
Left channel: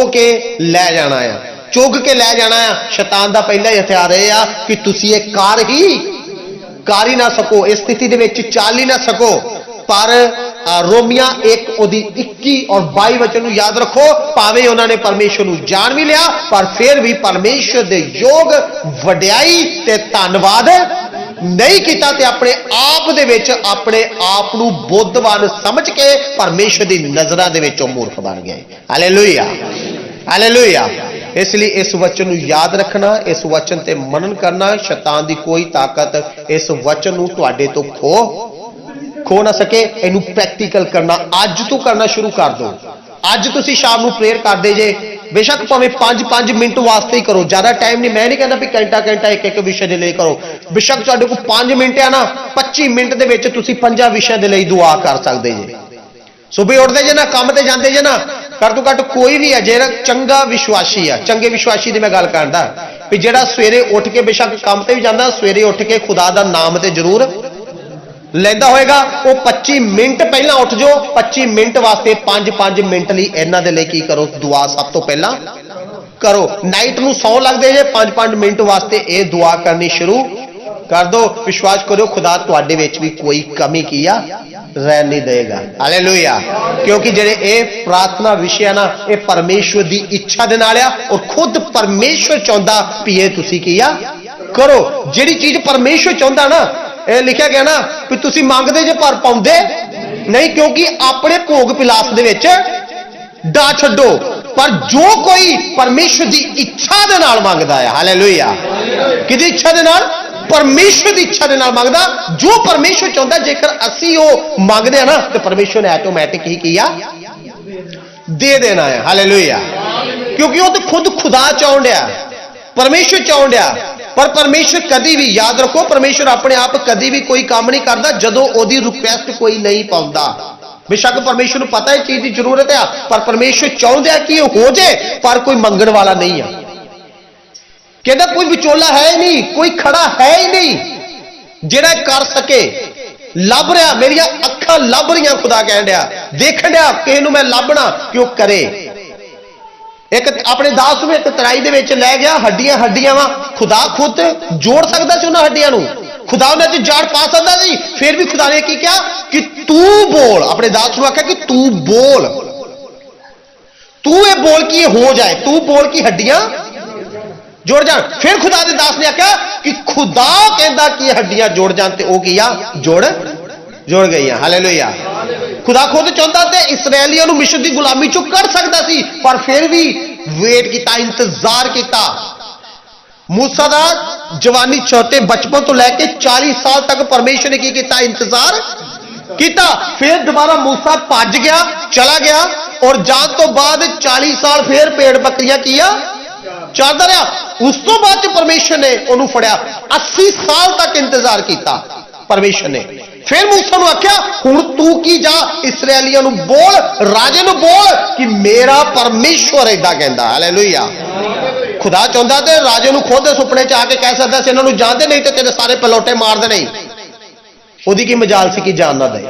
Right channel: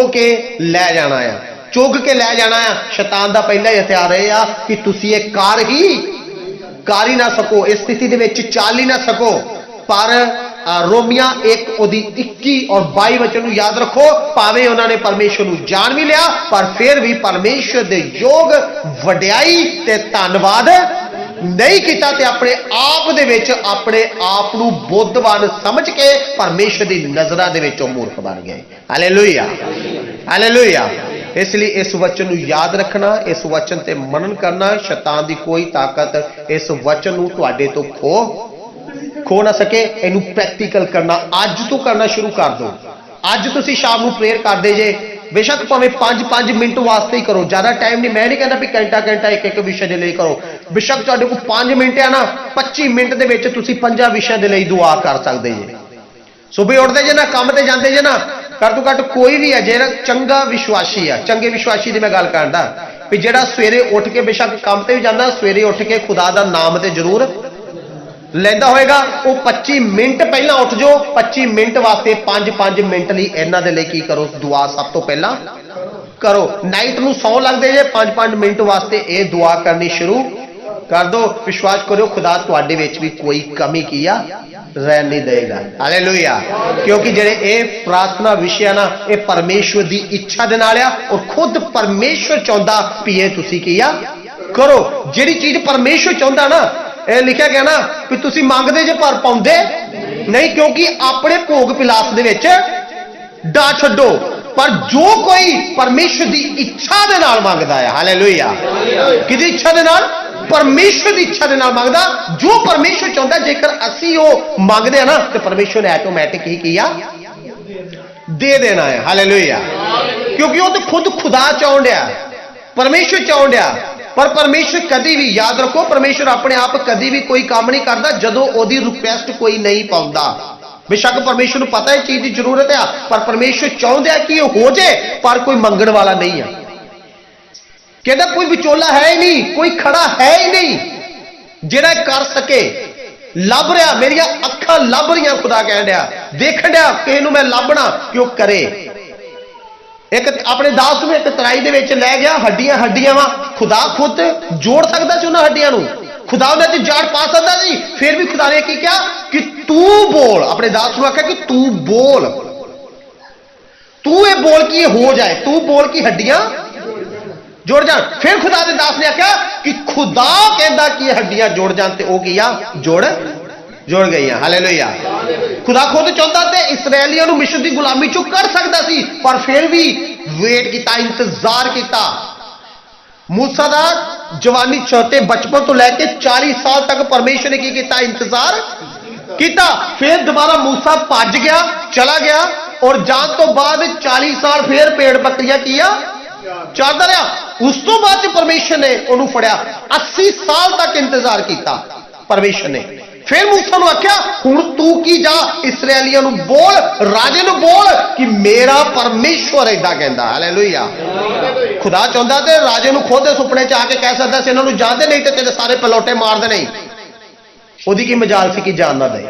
के लै जाना है, चुग के लै जाना है। शैतान दा पहला ही हथियार यह आ कि तुसीं ये कर ही ना सको, इस स्थिति दे विच चल ही ना सको। पर रोमिया 1:21 और 22 वचन नूं याद रखो, भावें उन्होंने परमेश्वर नूं जान भी लिया पर फिर भी परमेश्वर दे योग वड्याई ते धन्नवाद नहीं किया, ते अपने आप दे विच अपने आप नूं बुद्धवान समझ के परमेश्वर दी नज़रां दे विच मूर्ख बन गए। Hallelujah, hallelujah. इसलिए इस वचन नूं याद रखना, इस वचन ते मनन करना। शैतान दी कोई ताकत इस वचन नूं तुहाडे तो खो ना सके। इनू प्रैक्टिकल करना अज तो करना शुरू कर दो। अज तुसीं शाम नूं प्रेयर करदे जे, बेशक भावें 5-5 मिनट वास्ते ही करो, ज्यादा टाइम नहीं। मैं नहीं कहना भी घंटा एक विषय दे लई करो। बेशक तुहाडे कोल 5 मिनट है ना, 25 मिनट दे विच तुसीं 5 विषय दे लई दुआ कर सकदे जे। सुबह उठदे जे ना, काम ते जांदे जे ना, घट तो घट कोई भी है जेड़ा चंगा विश्वासी है, चंगे विश्वासी की मैं गल करदा भी जेड़ा सवेरे उठ के बेशक काम ते भी जांदा, सवेरे उठ के खुदा दा नाम ते जरूर लेंदा होएगा। वो 25 मिनट पहला उठ जाओ, 25 मिनट वास्ते 5-5 मिनट लई इन्हां दे लई की करो, दुआ सब तो पहला करो। नाइट नूं सौ लगदे जे, 5-5 मिनट वास्ते ये दुआ करनी शुरू कर दो। विश्वास करो खुदा तुहाडे विच भी कोई कमी किया रह नहीं देगा। हालेलुया। क्योंकि जेडे ये प्रार्थना विषय ना, ये परमेश्वर की इच्छा दे नाल आ, और खुद परमेश्वर चाहुंदा भी ये तुसीं किया करो। जिहड़ी चीज परमेश्वर चाहुंदा ना, ये लिखा गया ना कि तुसीं मंगदे जे पर पाउंदे नहीं, क्योंकि अपने भोग पिलास दे विच डा छड्डो। पर जो कोई परमेश्वर की इच्छा दे नाल मंगदा है, हालेलुया, किहदी इच्छा दे नाल? परमेश्वर की इच्छा दे नाल मंगदा। जो परमेश्वर चाहुंदा, जेकर असीं वो मंगदे ना, तो परमेश्वर ने ऑटोमैटिक ही किया दे देना है। हालेलुया। क्योंकि वो तो खुद खुदा चाहुंद आ, परमेश्वर चाहुंद आ। पर परमेश्वर कभी भी, याद रखो, परमेश्वर अपने आप कभी भी कोई काम नहीं करता जदों ओदी रिक्वेस्ट कोई नहीं पाउंदा। बेशक परमेश्वर को पता है चीज की जरूरत है, पर परमेश्वर चाहुंदा है कि हो जाए, पर कोई मंगण वाला नहीं है। कहता कोई विचोला है ही नहीं, कोई खड़ा है ही नहीं जेड़ा कर सके। लभ रहा, मेरिया अखां लभ रही, खुदा कह रहा, देखण रहा किसी नूं मैं लभना क्यों करे। एक अपने दास नूं एक तराई दे विच लै गया, हड्डियां हड्डियां वा, खुदा खुद जोड़ सकदा सी उन्हां हड्डियां नूं, खुदा उन्हां च जाड़ पा सकदा सी। फिर भी खुदा ने की कहा कि तू बोल, अपने दास नूं आख्या कि तू बोल, तू ये बोल कि ये हो जाए, तू बोल कि हड्डियां जुड़ जान। फिर खुदा दे दास ने आख्या कि खुदा कहंदा कि हड्डियां जुड़ जान, ते ओ किया जुड़ गई। हालेलुया। खुदा खुद चाहता ते इसराइलियों को मिस्र की गुलामी चों कढ़ सकता सी, पर फिर भी वेट किया, इंतजार किया। मूसा दा जवानी छोटे बचपन तो लैके 40 साल तक परमेश्वर ने की किया, इंतजार किया। फिर दोबारा मूसा भज गया, चला गया, और जान तो बाद 40 साल फिर पेड़ बकरियां किया चलता रहा। उस तो बाद परमेश्वर ने उन्होंने फड़िया, 80 साल तक इंतजार किया परमेश्वर ने। फिर मूसा ने आख्या हुण तू की जा, इसराइलियों को बोल, राजे को बोल कि मेरा परमेश्वर इदा कहता। हालेलुया। खुदा चाहता तो राजे को खुद सुपने च आके कह सकता से, इन्होंने जानते नहीं तो तेरे सारे पलौटे मार दे। नहीं, ओदी की मजाल सी कि जान ना दे।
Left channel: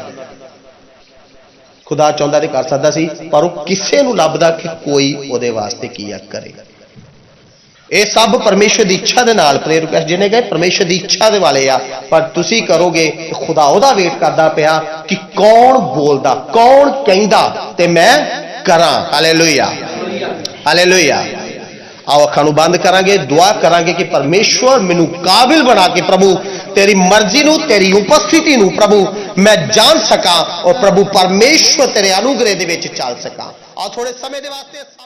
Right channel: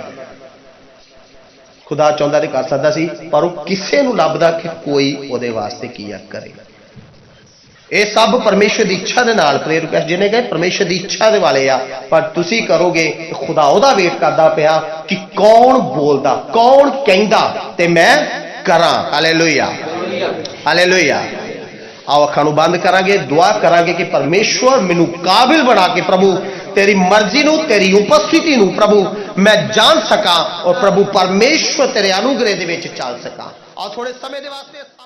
खुदा चाहता तो कर सकता सी, पर वो किसी को लभदा कि कोई वो वास्ते की करे। ये सब परमेश्वर की इच्छा के नाल प्रेयर रिक्वेस्ट जिन्हें कहे परमेश्वर की इच्छा के वाले आ, पर तुसी करोगे खुदा ओदा वेट करता पिया कि कौन बोलता, कौन कहंदा ते मैं करा। Hallelujah, hallelujah. आओ अखां नूं बंद करांगे, दुआ करांगे कि परमेश्वर मैनू काबिल बना के प्रभु तेरी मर्जी नूं, तेरी उपस्थिति नूं प्रभु मैं जान सका, और प्रभु परमेश्वर तेरे अनुग्रह दे विच चल सका। आओ थोड़े समय दे वास्ते